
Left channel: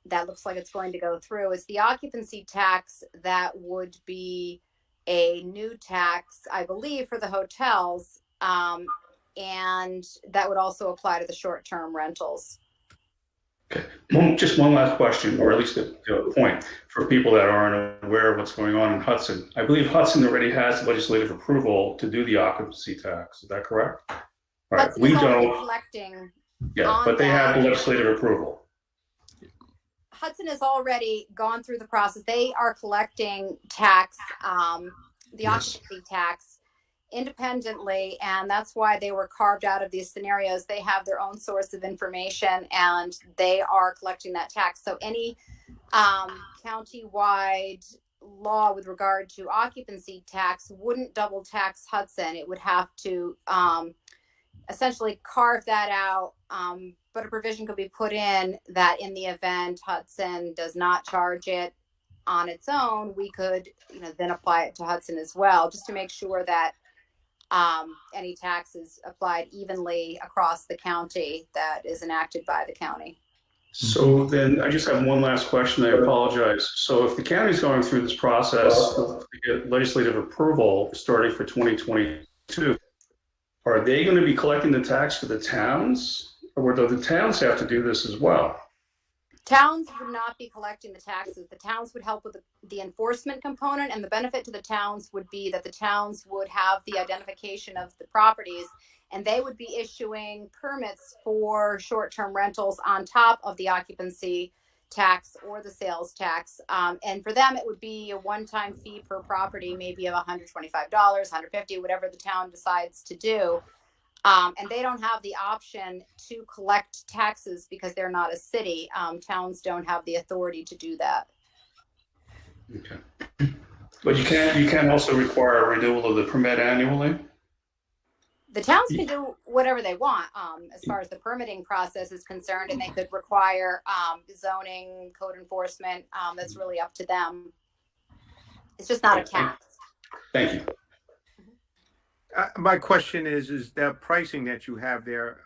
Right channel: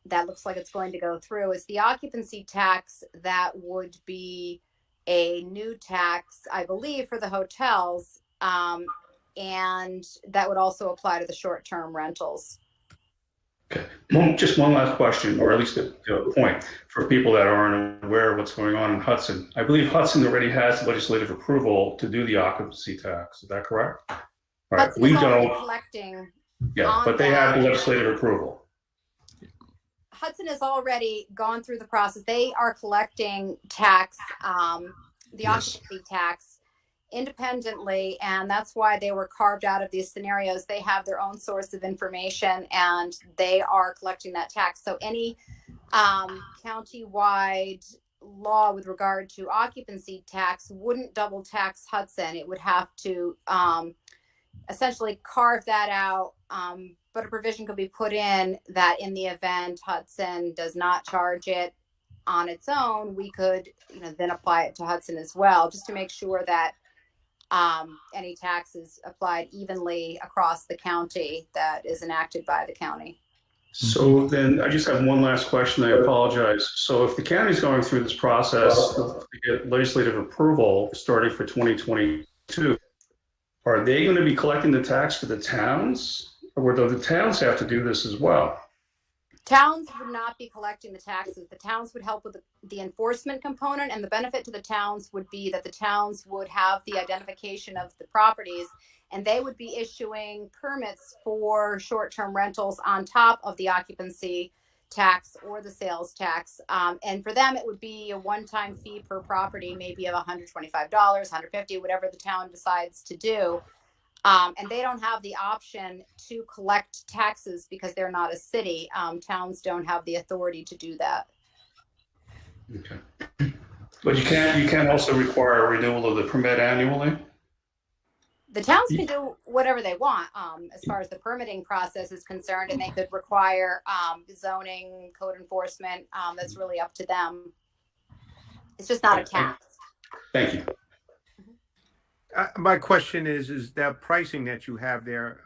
that looks like it's going to go through. Is the occupancy tax that would be a new tax, I believe, for the hotels, and that would also apply to the short-term rentals. Okay. Just one last question, or at least a point for people that aren't aware of what's going on in Hudson. I believe Hudson already has legislative approval to do the occupancy tax. Is that correct? All right. Hudson We is already don't. collecting. Yeah, but they have legislative approval. Hudson has already gone through the process. They are collecting tax, the occupancy tax, independently, and that's why they were carved out of these scenarios. They have their own source of information, and they are collecting that tax. So any county-wide law with regard to occupancy tax wouldn't double tax Hudson. It would have to essentially carve that out, but a provision could be put in that in the event Hudson does not charge it on its own, we could then apply it to Hudson as well, just to make sure that any tax is applied evenly across the county that is enacted by the county. So then I just have one last question. I apologize. So if the county's going through this process to get legislative approval starting for 2022, are they going to be collecting the tax for the towns, or do the towns have to do this as well? Towns would not be collecting the taxes. The towns would help with the enforcement component, and the benefit to the towns would be that the towns would have the identification of the properties, and they would be issuing permits for short-term rentals on top of the occupancy tax or the sales tax. And for them, it would be a one-time fee per property, maybe of $125, $150, whatever the town decides to do. And they don't have the option to collect taxes because they're not a city. Towns don't have the authority to do that. Okay. But you can't also require a renewal of the permit annually? The towns can do whatever they want as far as the permitting process is concerned, and they could require zoning, code enforcement. That's really up to them. It's just not a tax. Thank you. My question is that pricing that you have there,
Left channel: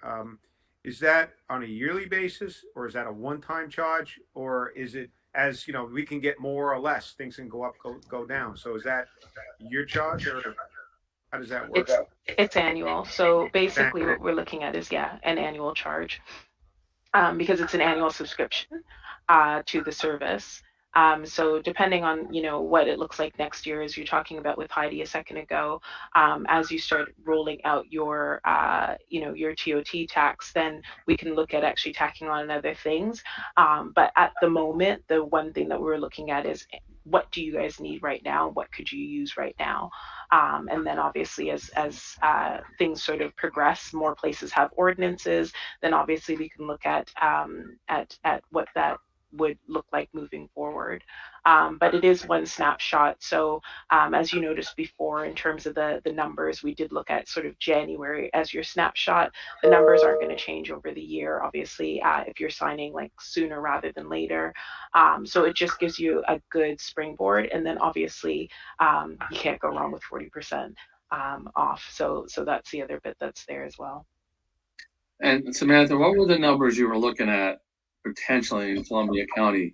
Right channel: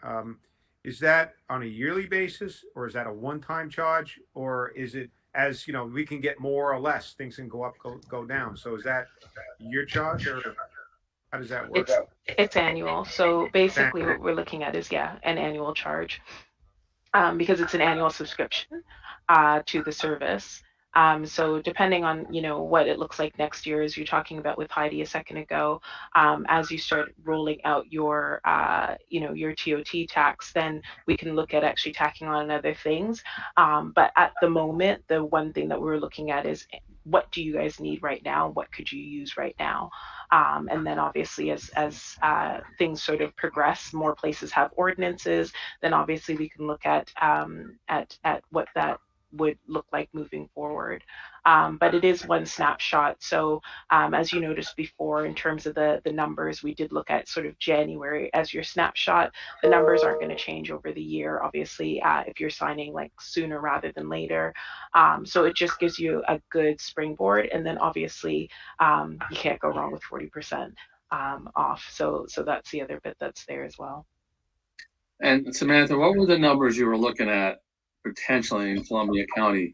is that on a yearly basis, or is that a one-time charge, or is it, as you know, we can get more or less, things can go up, go down. So is that your charge, or how does that work? It's annual. So basically what we're looking at is, an annual charge, because it's an annual subscription to the service. So depending on, what it looks like next year, as you're talking about with Heidi a second ago, as you start rolling out your, your TOT tax, then we can look at actually tacking on other things. But at the moment, the one thing that we're looking at is, what do you guys need right now? What could you use right now? And then obviously as things sort of progress, more places have ordinances, then obviously we can look at what that would look like moving forward. But it is one snapshot. So as you noticed before, in terms of the numbers, we did look at sort of January as your snapshot. The numbers aren't going to change over the year, obviously, if you're signing like sooner rather than later. So it just gives you a good springboard. And then obviously you can't go wrong with 40% off. So that's the other bit that's there as well. And Samantha, what were the numbers you were looking at potentially in Columbia County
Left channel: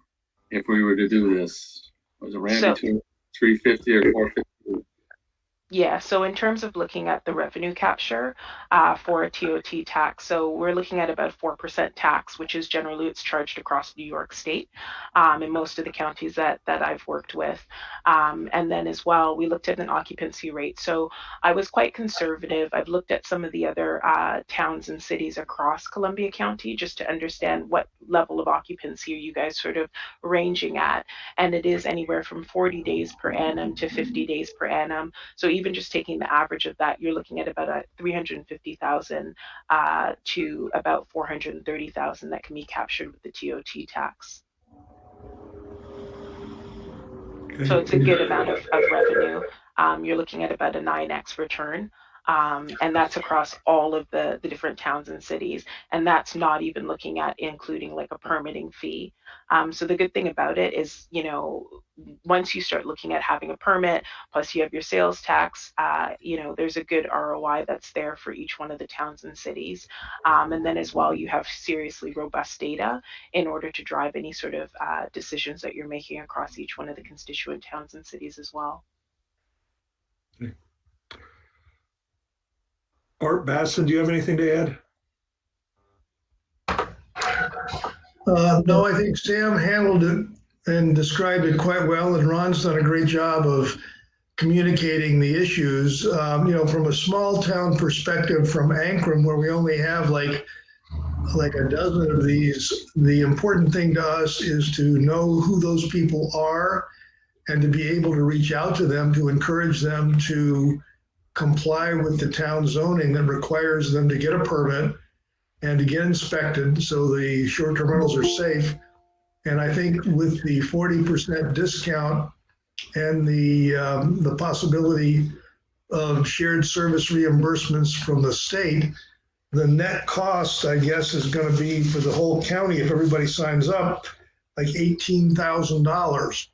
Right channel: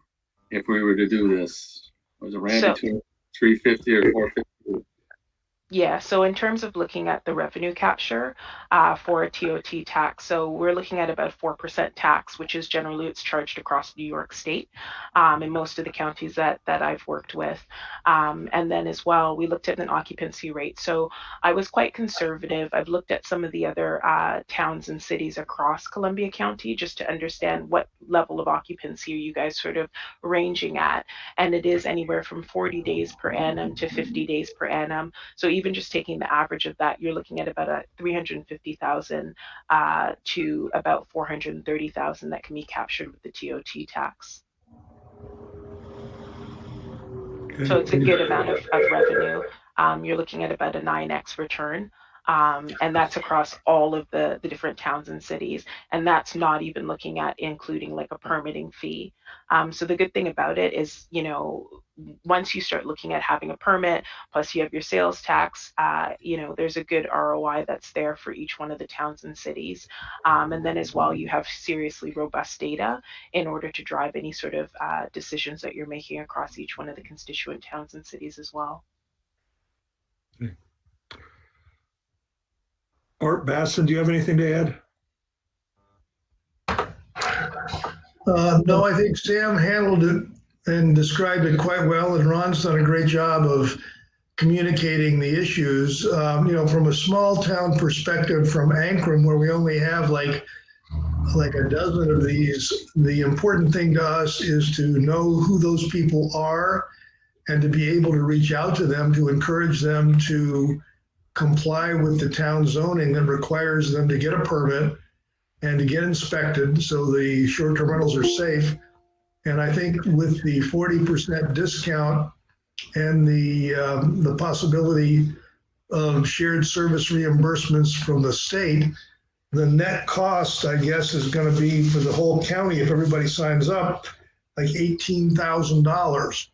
if we were to do this? Was it ran between 350 or 450? Yeah, so in terms of looking at the revenue capture for a TOT tax, so we're looking at about 4% tax, which is generally it's charged across New York State in most of the counties that I've worked with. And then as well, we looked at an occupancy rate. So I was quite conservative. I've looked at some of the other towns and cities across Columbia County just to understand what level of occupancy are you guys sort of ranging at. And it is anywhere from 40 days per annum to 50 days per annum. So even just taking the average of that, you're looking at about a 350,000 to about 430,000 that can be captured with the TOT tax. So it's a good amount of revenue. you're looking at about a 9x return. And that's across all of the different towns and cities. And that's not even looking at including like a permitting fee. So the good thing about it is, you know, once you start looking at having a permit, plus you have your sales tax, you know, there's a good ROI that's there for each one of the towns and cities. And then as well, you have seriously robust data in order to drive any sort of decisions that you're making across each one of the constituent towns and cities as well. Art Basson, do you have anything to add? No, I think Sam handled it and described it quite well, and Ron's done a great job of communicating the issues. You know, from a small town perspective, from Ankrum, where we only have like a dozen of these, the important thing to us is to know who those people are and to be able to reach out to them to encourage them to comply with the town zoning that requires them to get a permit and to get inspected so the short-term rentals are safe. And I think with the 40% discount and the possibility of shared service reimbursements from the state, the net cost, I guess, is going to be for the whole county, if everybody signs up, like $18,000,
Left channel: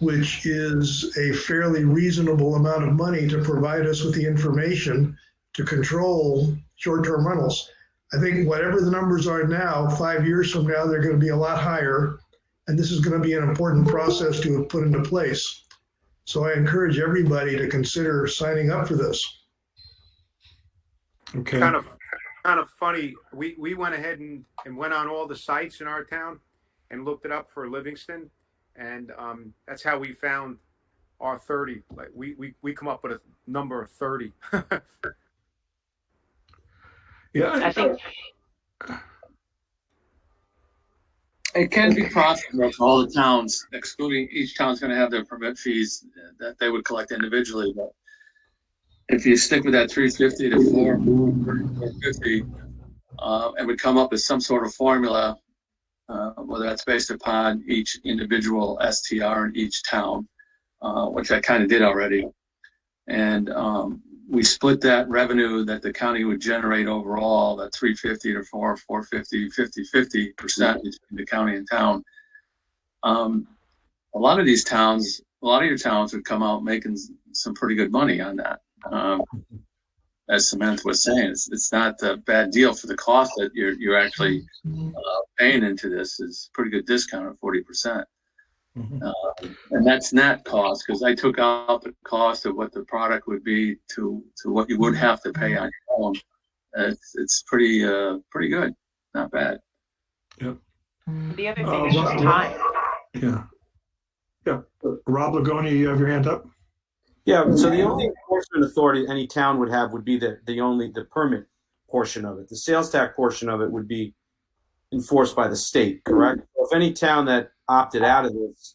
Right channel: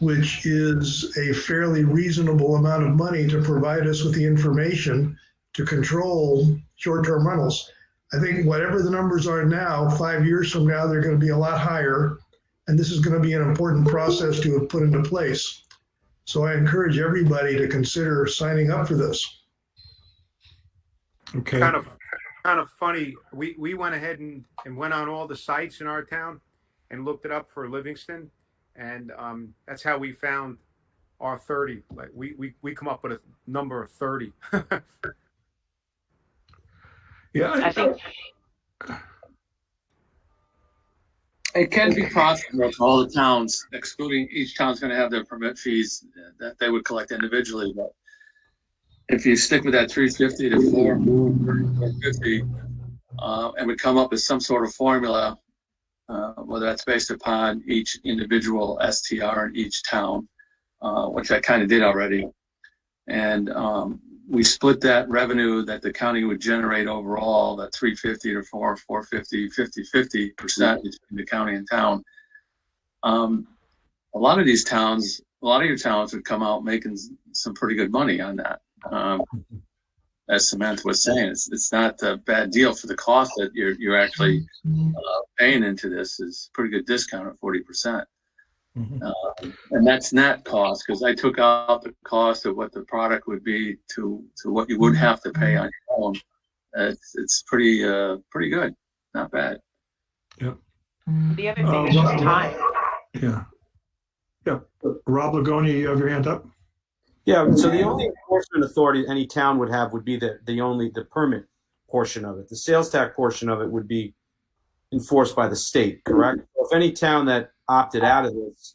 which is a fairly reasonable amount of money to provide us with the information to control short-term rentals. I think whatever the numbers are now, 5 years from now, they're going to be a lot higher. And this is going to be an important process to have put into place. So I encourage everybody to consider signing up for this. Okay. Kind of funny. We went ahead and went on all the sites in our town and looked it up for Livingston. And that's how we found our 30. Like we come up with a number of 30. Yeah, I think it can be possible for all the towns, excluding each town's going to have their permit fees that they would collect individually. But if you stick with that 350 to 450, and would come up with some sort of formula, whether that's based upon each individual STR in each town, which I kind of did already. And we split that revenue that the county would generate overall, that 350 to 450, 50% between the county and town. A lot of these towns, a lot of your towns would come out making some pretty good money on that. As Samantha was saying, it's not a bad deal for the cost that you're actually paying into this. Is pretty good discount at 40%. And that's net cost, because I took out the cost of what the product would be to what you would have to pay on your own. It's pretty good, not bad. Yep. the other thing is just time. Yeah. Rob Lagoni, you have your hand up? Yeah, so the only enforcement authority any town would have would be the permit portion of it. The sales tax portion of it would be enforced by the state, correct? So if any town that opted out of this,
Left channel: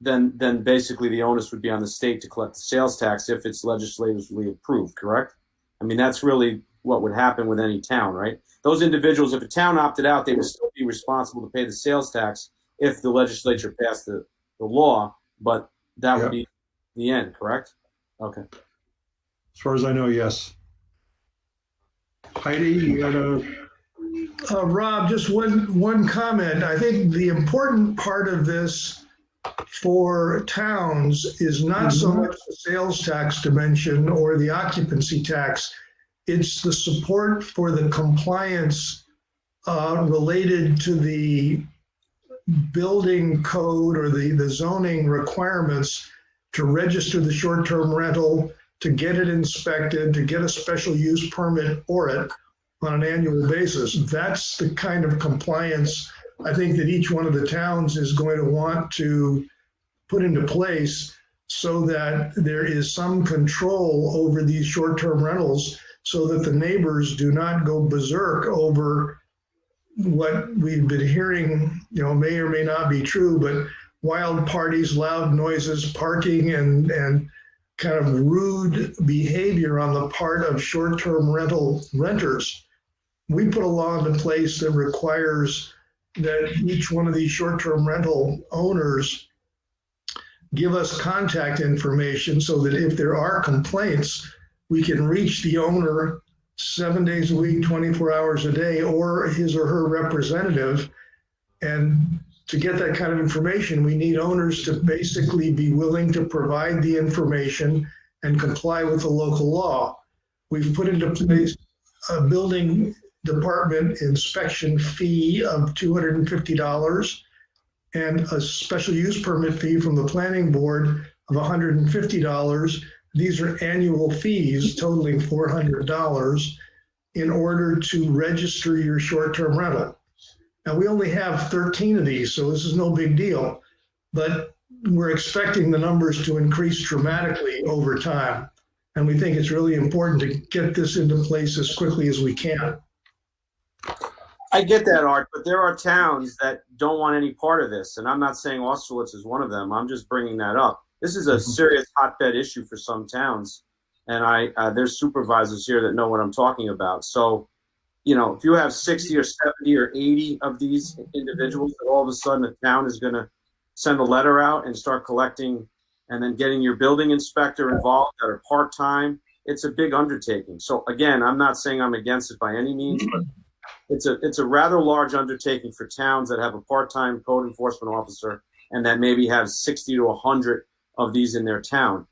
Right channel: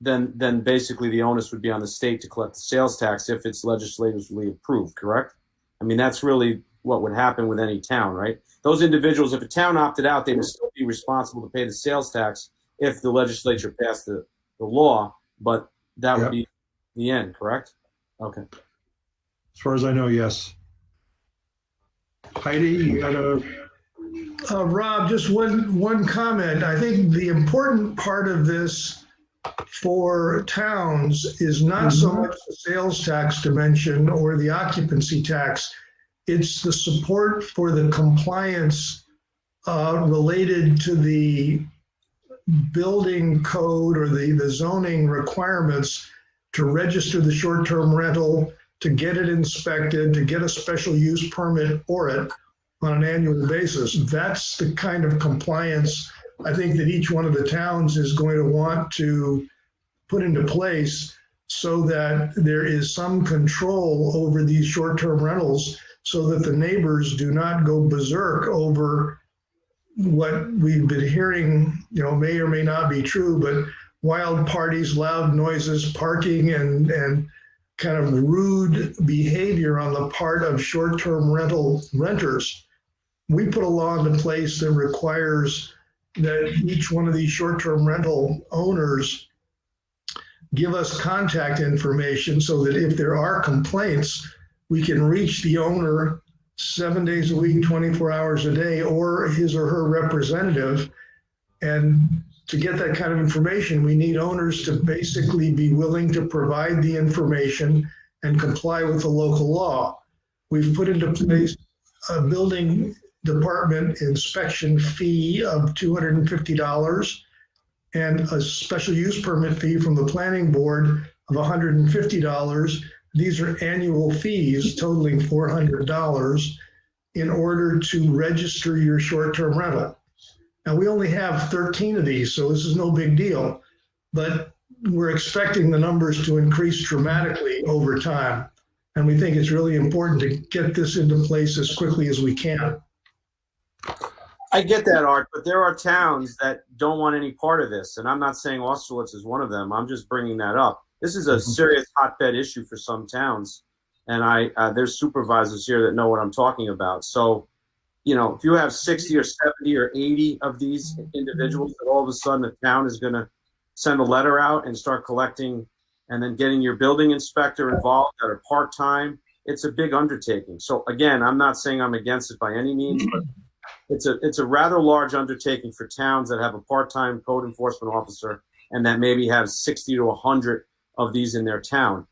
then basically the onus would be on the state to collect the sales tax if it's legislatively approved, correct? I mean, that's really what would happen with any town, right? Those individuals, if a town opted out, they would still be responsible to pay the sales tax if the legislature passed the law, but that would be the end, correct? Okay. As far as I know, yes. Heidi, you got a... Rob, just one comment. I think the important part of this for towns is not so much the sales tax dimension or the occupancy tax. It's the support for the compliance related to the building code or the zoning requirements to register the short-term rental, to get it inspected, to get a special use permit for it on an annual basis. That's the kind of compliance I think that each one of the towns is going to want to put into place so that there is some control over these short-term rentals so that the neighbors do not go berserk over what we've been hearing, may or may not be true, but wild parties, loud noises, parking, and kind of rude behavior on the part of short-term rental renters. We put a law into place that requires that each one of these short-term rental owners give us contact information so that if there are complaints, we can reach the owner 7 days a week, 24 hours a day, or his or her representative. And to get that kind of information, we need owners to basically be willing to provide the information and comply with the local law. We've put into place a building department inspection fee of $250 and a special use permit fee from the planning board of $150. These are annual fees totaling $400 in order to register your short-term rental. Now, we only have 13 of these, so this is no big deal, but we're expecting the numbers to increase dramatically over time. And we think it's really important to get this into place as quickly as we can. I get that, Art, but there are towns that don't want any part of this, and I'm not saying Austerlitz is one of them. I'm just bringing that up. This is a serious hotbed issue for some towns, and there's supervisors here that know what I'm talking about. So, if you have 60 or 70 or 80 of these individuals, that all of a sudden the town is going to send a letter out and start collecting, and then getting your building inspector involved that are part-time, it's a big undertaking. So again, I'm not saying I'm against it by any means, but it's a rather large undertaking for towns that have a part-time code enforcement officer and that maybe have 60 to 100 of these in their town.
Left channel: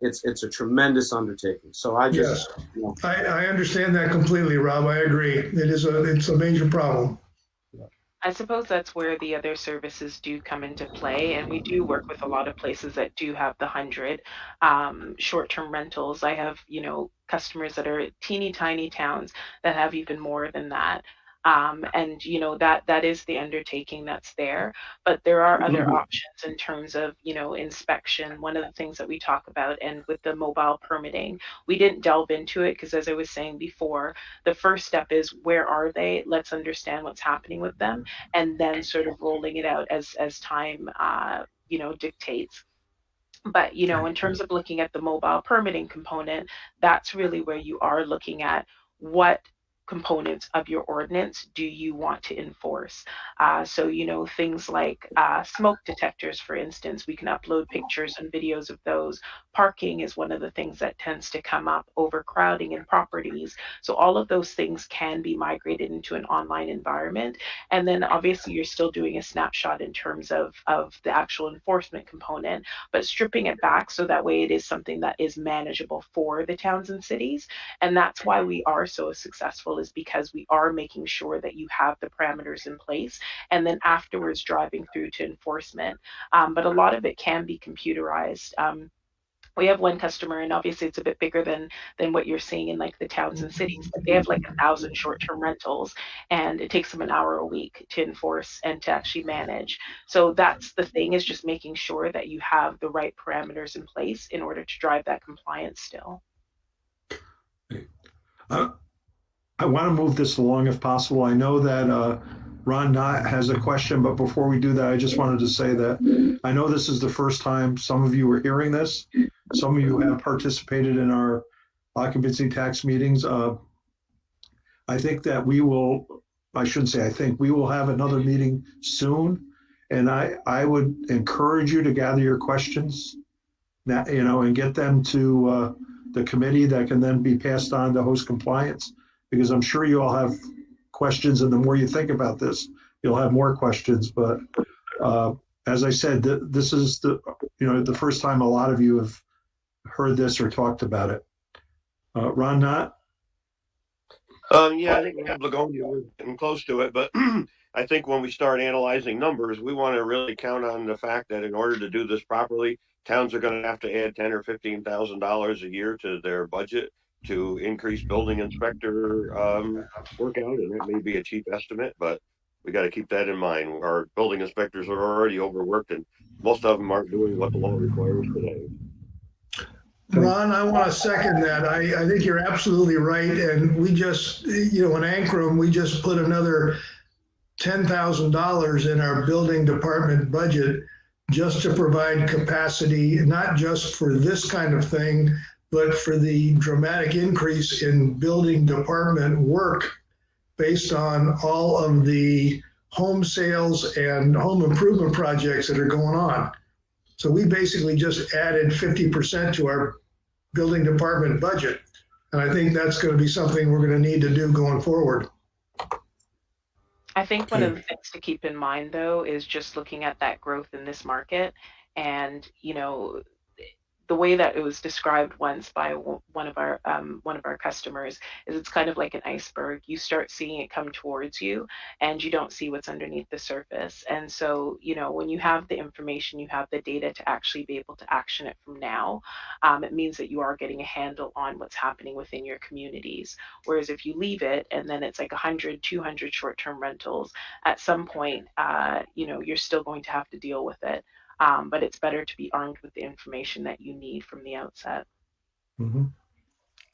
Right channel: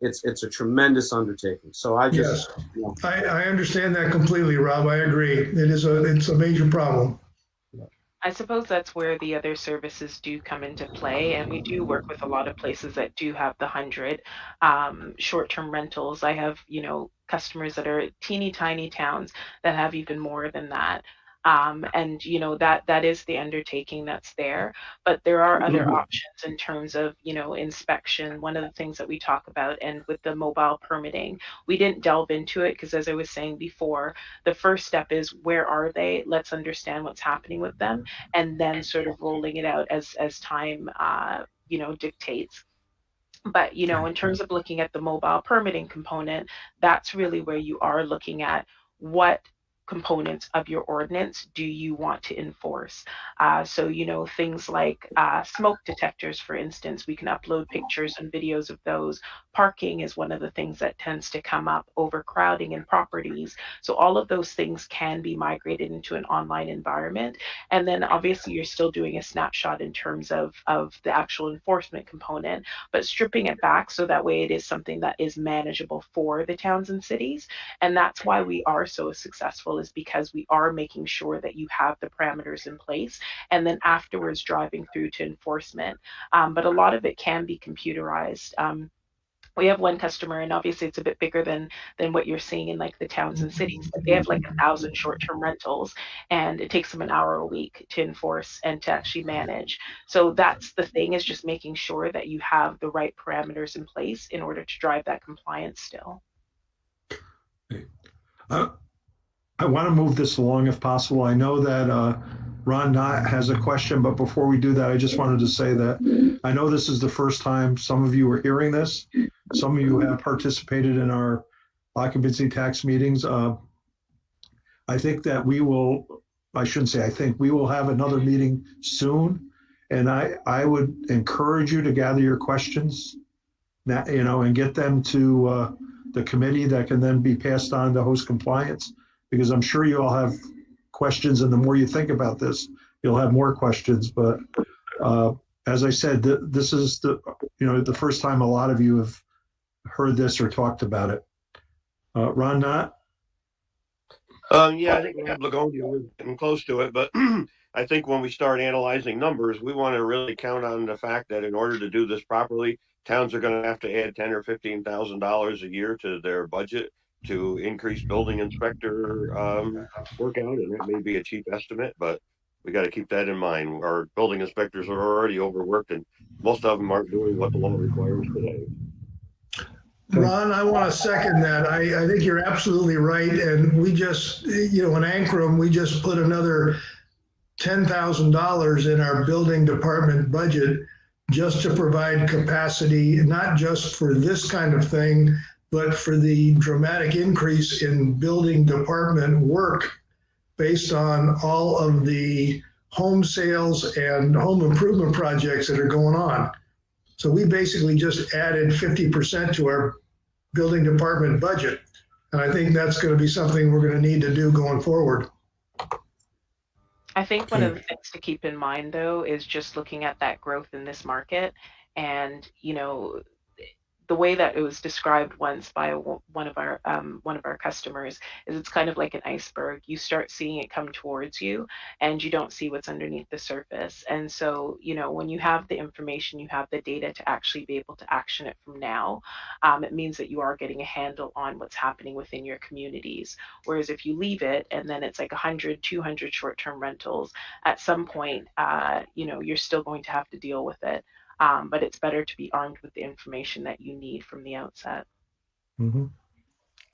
It's a tremendous undertaking. So I just, yes. I understand that completely, Rob. I agree. It's a major problem. I suppose that's where the other services do come into play, and we do work with a lot of places that do have the 100 short-term rentals. I have, customers that are teeny tiny towns that have even more than that. And that is the undertaking that's there, but there are other options in terms of inspection. One of the things that we talk about, and with the mobile permitting, we didn't delve into it because, as I was saying before, the first step is, where are they? Let's understand what's happening with them, and then sort of rolling it out as time dictates. But in terms of looking at the mobile permitting component, that's really where you are looking at what components of your ordinance do you want to enforce. So things like smoke detectors, for instance, we can upload pictures and videos of those. Parking is one of the things that tends to come up, overcrowding in properties. So all of those things can be migrated into an online environment. And then obviously you're still doing a snapshot in terms of the actual enforcement component, but stripping it back so that way it is something that is manageable for the towns and cities. And that's why we are so successful, is because we are making sure that you have the parameters in place, and then afterwards driving through to enforcement. But a lot of it can be computerized. We have one customer, and obviously it's a bit bigger than what you're seeing in like the towns and cities, but they have like 1,000 short-term rentals, and it takes them an hour a week to enforce and to actually manage. So that's the thing, is just making sure that you have the right parameters in place in order to drive that compliance still. I want to move this along if possible. I know that Ron Knott has a question, but before we do that, I just wanted to say that I know this is the first time some of you are hearing this. Some of you have participated in our occupancy tax meetings. I think that we will have another meeting soon. And I would encourage you to gather your questions, and get them to the committee that can then be passed on to host compliance, because I'm sure you all have questions, and the more you think about this, you'll have more questions. But as I said, this is the first time a lot of you have heard this or talked about it. Ron Knott? Yeah, I think we're getting close to it, but I think when we start analyzing numbers, we want to really count on the fact that in order to do this properly, towns are going to have to add $10,000 or $15,000 a year to their budget to increase building inspector workout, and that may be a cheap estimate, but we got to keep that in mind. Our building inspectors are already overworked, and most of them aren't doing what the law requires today. Ron, I want to second that. I think you're absolutely right. And we just, in Ankrum, we just put another $10,000 in our building department budget just to provide capacity, not just for this kind of thing, but for the dramatic increase in building department work based on all of the home sales and home improvement projects that are going on. So we basically just added 50% to our building department budget. And I think that's going to be something we're going to need to do going forward. I think one of the things to keep in mind, though, is just looking at that growth in this market. And, you know, the way that it was described once by one of our customers is it's kind of like an iceberg. You start seeing it come towards you, and you don't see what's underneath the surface. And so, you know, when you have the information, you have the data to actually be able to action it from now. It means that you are getting a handle on what's happening within your communities. Whereas if you leave it and then it's like 100, 200 short-term rentals, at some point, you know, you're still going to have to deal with it. But it's better to be armed with the information that you need from the outset. Mm-hmm.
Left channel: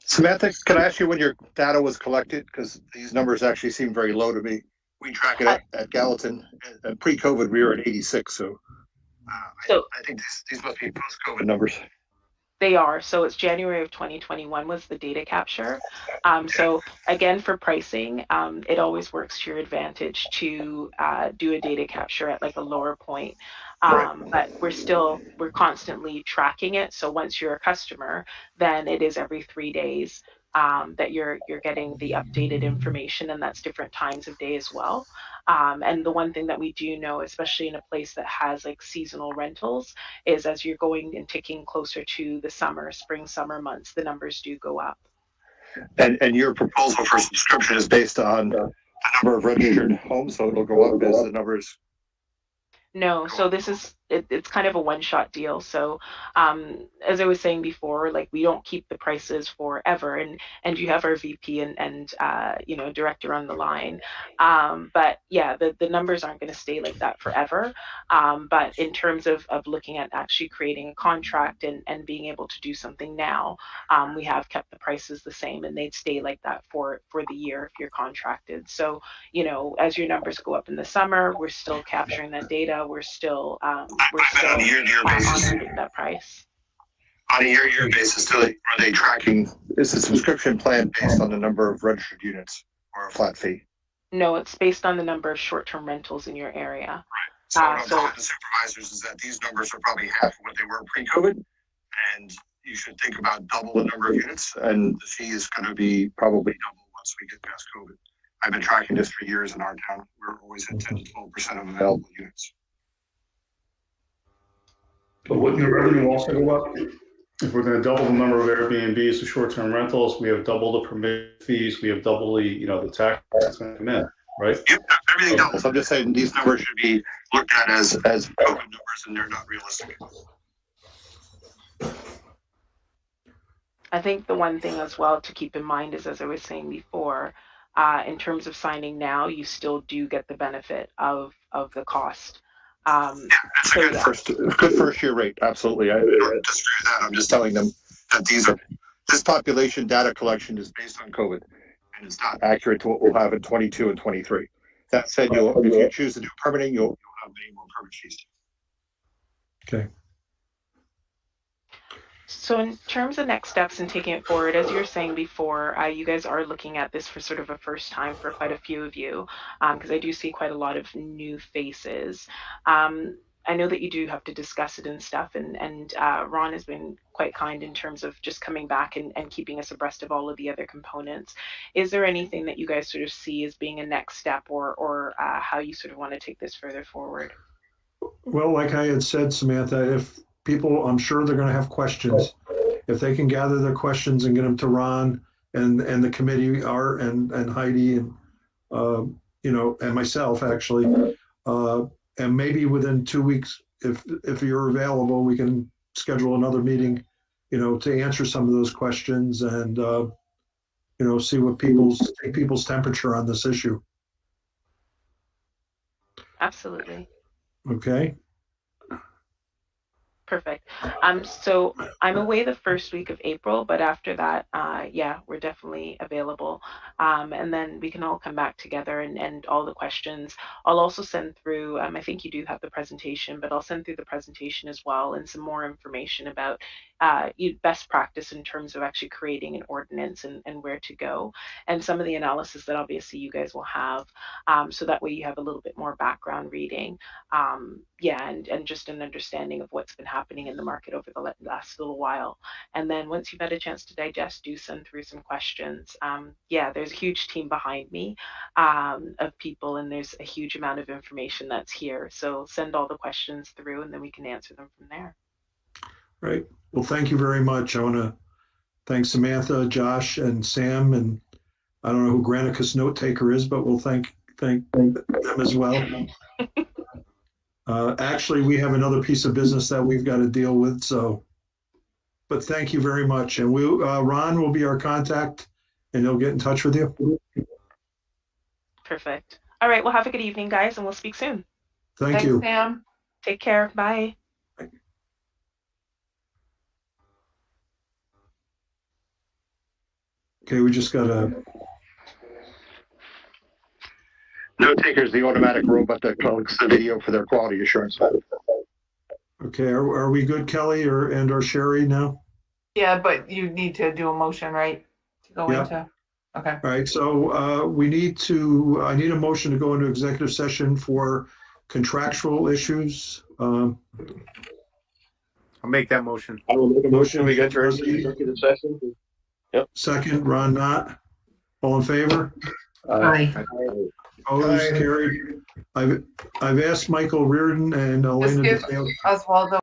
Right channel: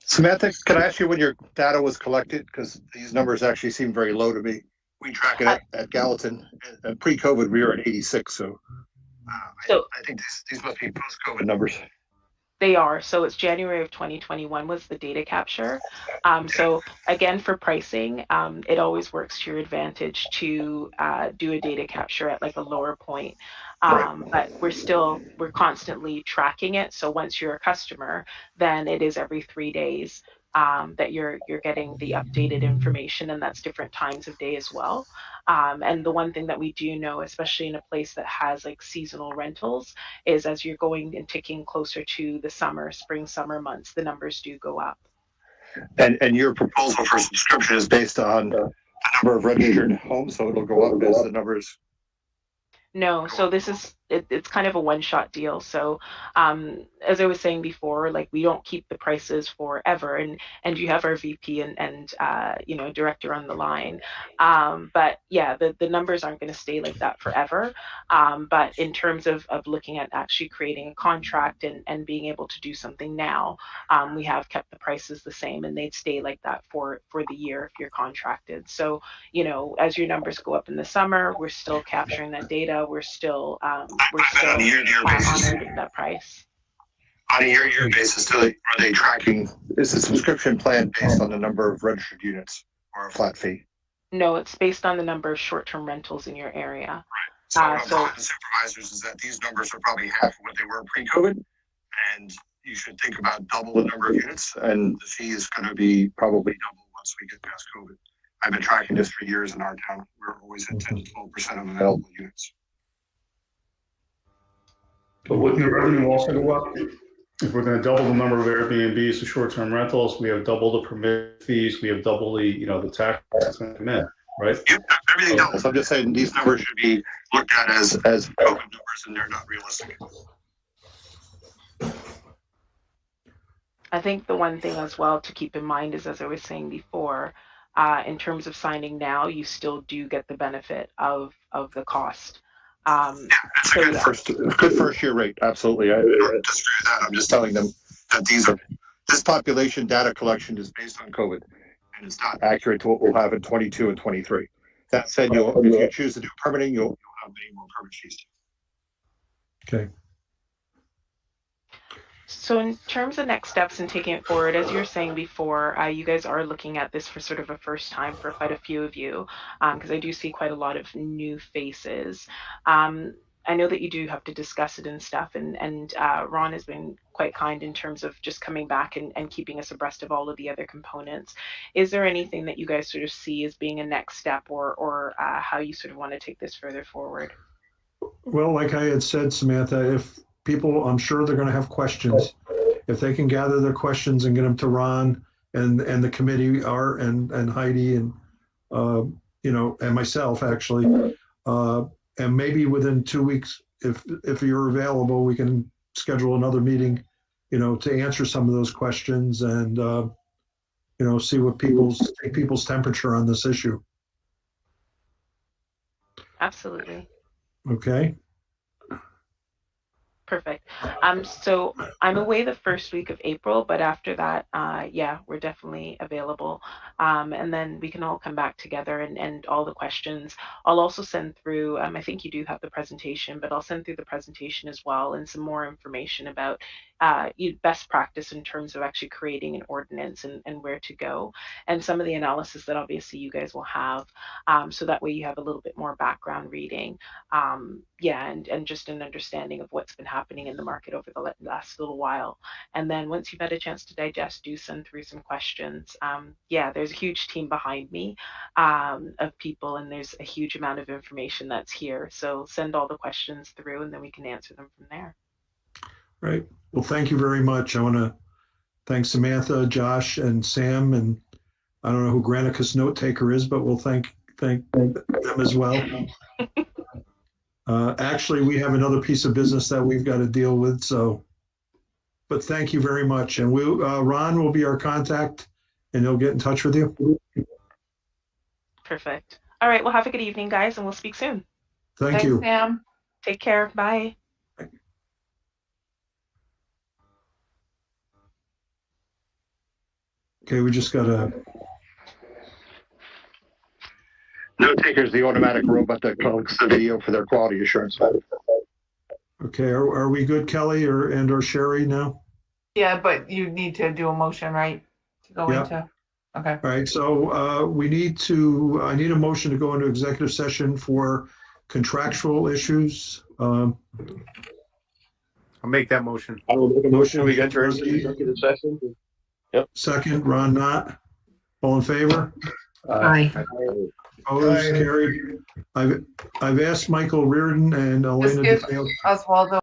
Samantha, can I ask you when your data was collected? Because these numbers actually seem very low to me. We track it at Gallatin. Pre-COVID, we were at 86. So, I think these must be post-COVID numbers. They are. So it's January of 2021 was the data capture. So again, for pricing, it always works to your advantage to do a data capture at like a lower point. But we're constantly tracking it. So once you're a customer, then it is every 3 days that you're getting the updated information, and that's different times of day as well. And the one thing that we do know, especially in a place that has like seasonal rentals, is as you're going and ticking closer to the spring, summer months, the numbers do go up. And your proposal for subscription is based on the number of registered homes, so it'll go up as the numbers. No, so it's kind of a one-shot deal. So as I was saying before, like we don't keep the prices forever, and you have our VP and you know, director on the line. But yeah, the numbers aren't going to stay like that forever. But in terms of looking at actually creating a contract and being able to do something now, we have kept the prices the same, and they'd stay like that for the year if you're contracted. So, you know, as your numbers go up in the summer, we're still capturing that data. We're still on a year-to-year basis. honoring that price. On a year-to-year basis, are they tracking? Is the subscription plan based on the number of registered units or a flat fee? No, it's based on the number of short-term rentals in your area. Right. So what I'm telling the supervisors is that these numbers are probably half of what they were pre-COVID, and you should think about double the number of units, and the fee is going to be probably double once we get past COVID. I've been tracking this for years in our town. We're always at 10 to 12% of available units. But wouldn't the revenue also go up? If we're going to double the number of Airbnbs to short-term rentals, we have double the permit fees, we have double the tax that's going to come in, right? Yep, everything doubles. I'm just saying these numbers should be looked at as COVID numbers, and they're not realistic. I think the one thing as well to keep in mind is, as I was saying before, in terms of signing now, you still do get the benefit of the cost. That's a good first year rate. Absolutely. I don't disagree with that. I'm just telling them that this population data collection is based on COVID, and it's not accurate to what we'll have in 22 and 23. That said, if you choose to do permitting, you'll have many more permit fees. Okay. So in terms of next steps and taking it forward, as you were saying before, you guys are looking at this for sort of a first time for quite a few of you, because I do see quite a lot of new faces. I know that you do have to discuss it and stuff, and Ron has been quite kind in terms of just coming back and keeping us abreast of all of the other components. Is there anything that you guys sort of see as being a next step, or how you sort of want to take this further forward? Well, like I had said, Samantha, if people, I'm sure they're going to have questions. If they can gather their questions and get them to Ron and the committee, Art and Heidi and you know, and myself actually, and maybe within 2 weeks, if you're available, we can schedule another meeting, you know, to answer some of those questions and you know, see what take people's temperature on this issue. Absolutely. Okay. Perfect. So I'm away the first week of April, but after that, yeah, we're definitely available. And then we can all come back together and all the questions. I'll also send through, I think you do have the presentation, but I'll send through the presentation as well and some more information about best practice in terms of actually creating an ordinance and where to go, and some of the analysis that obviously you guys will have, so that way you have a little bit more background reading, yeah, and just an understanding of what's been happening happening in the market over the last little while. And then once you've had a chance to digest, do send through some questions. Yeah, there's a huge team behind me of people, and there's a huge amount of information that's here. So send all the questions through, and then we can answer them from there. Right. Well, thank you very much. I want to thank Samantha, Josh, and Sam, and I don't know who Granicus note taker is, but we'll thank them as well. Actually, we have another piece of business that we've got to deal with. So, but thank you very much. And Ron will be our contact, and he'll get in touch with you. Perfect. All right. Well, have a good evening, guys, and we'll speak soon. Thank you. Sam. Take care. Bye. Okay, we just got to. Note taker is the automatic robot that collects the video for their quality assurance. Okay, are we good, Kelly or Sherry now? Yeah, but you need to do a motion, right? To go Yeah. into. Okay. All right, so I need a motion to go into executive session for contractual issues. I'll make that motion. I will make a motion. We get to executive session. Yep. Second, Ron Knott. All in favor? Aye. Opposed, carried. I've asked Michael Reardon and Just Elena give DeFeo. Oswaldo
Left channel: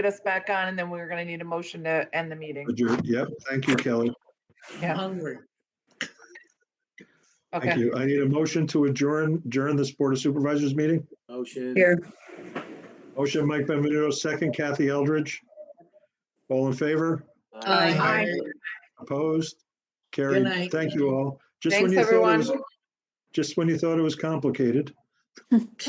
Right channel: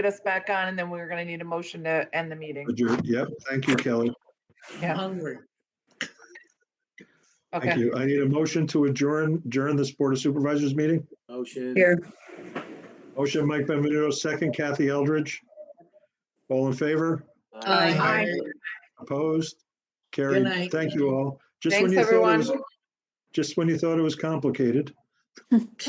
get us back on, and then we're gonna need a motion to end the meeting. Yep, thank you, Kelly. Yeah. Hungry. Thank Okay. you. I need a motion to adjourn this Board of Supervisors meeting. Motion. Here. Motion, Mike Benvenuto, second, Kathy Eldridge. All in favor? Aye. Opposed? Good Carried. night. Thank you all. Thanks, everyone. Just when you thought it was complicated.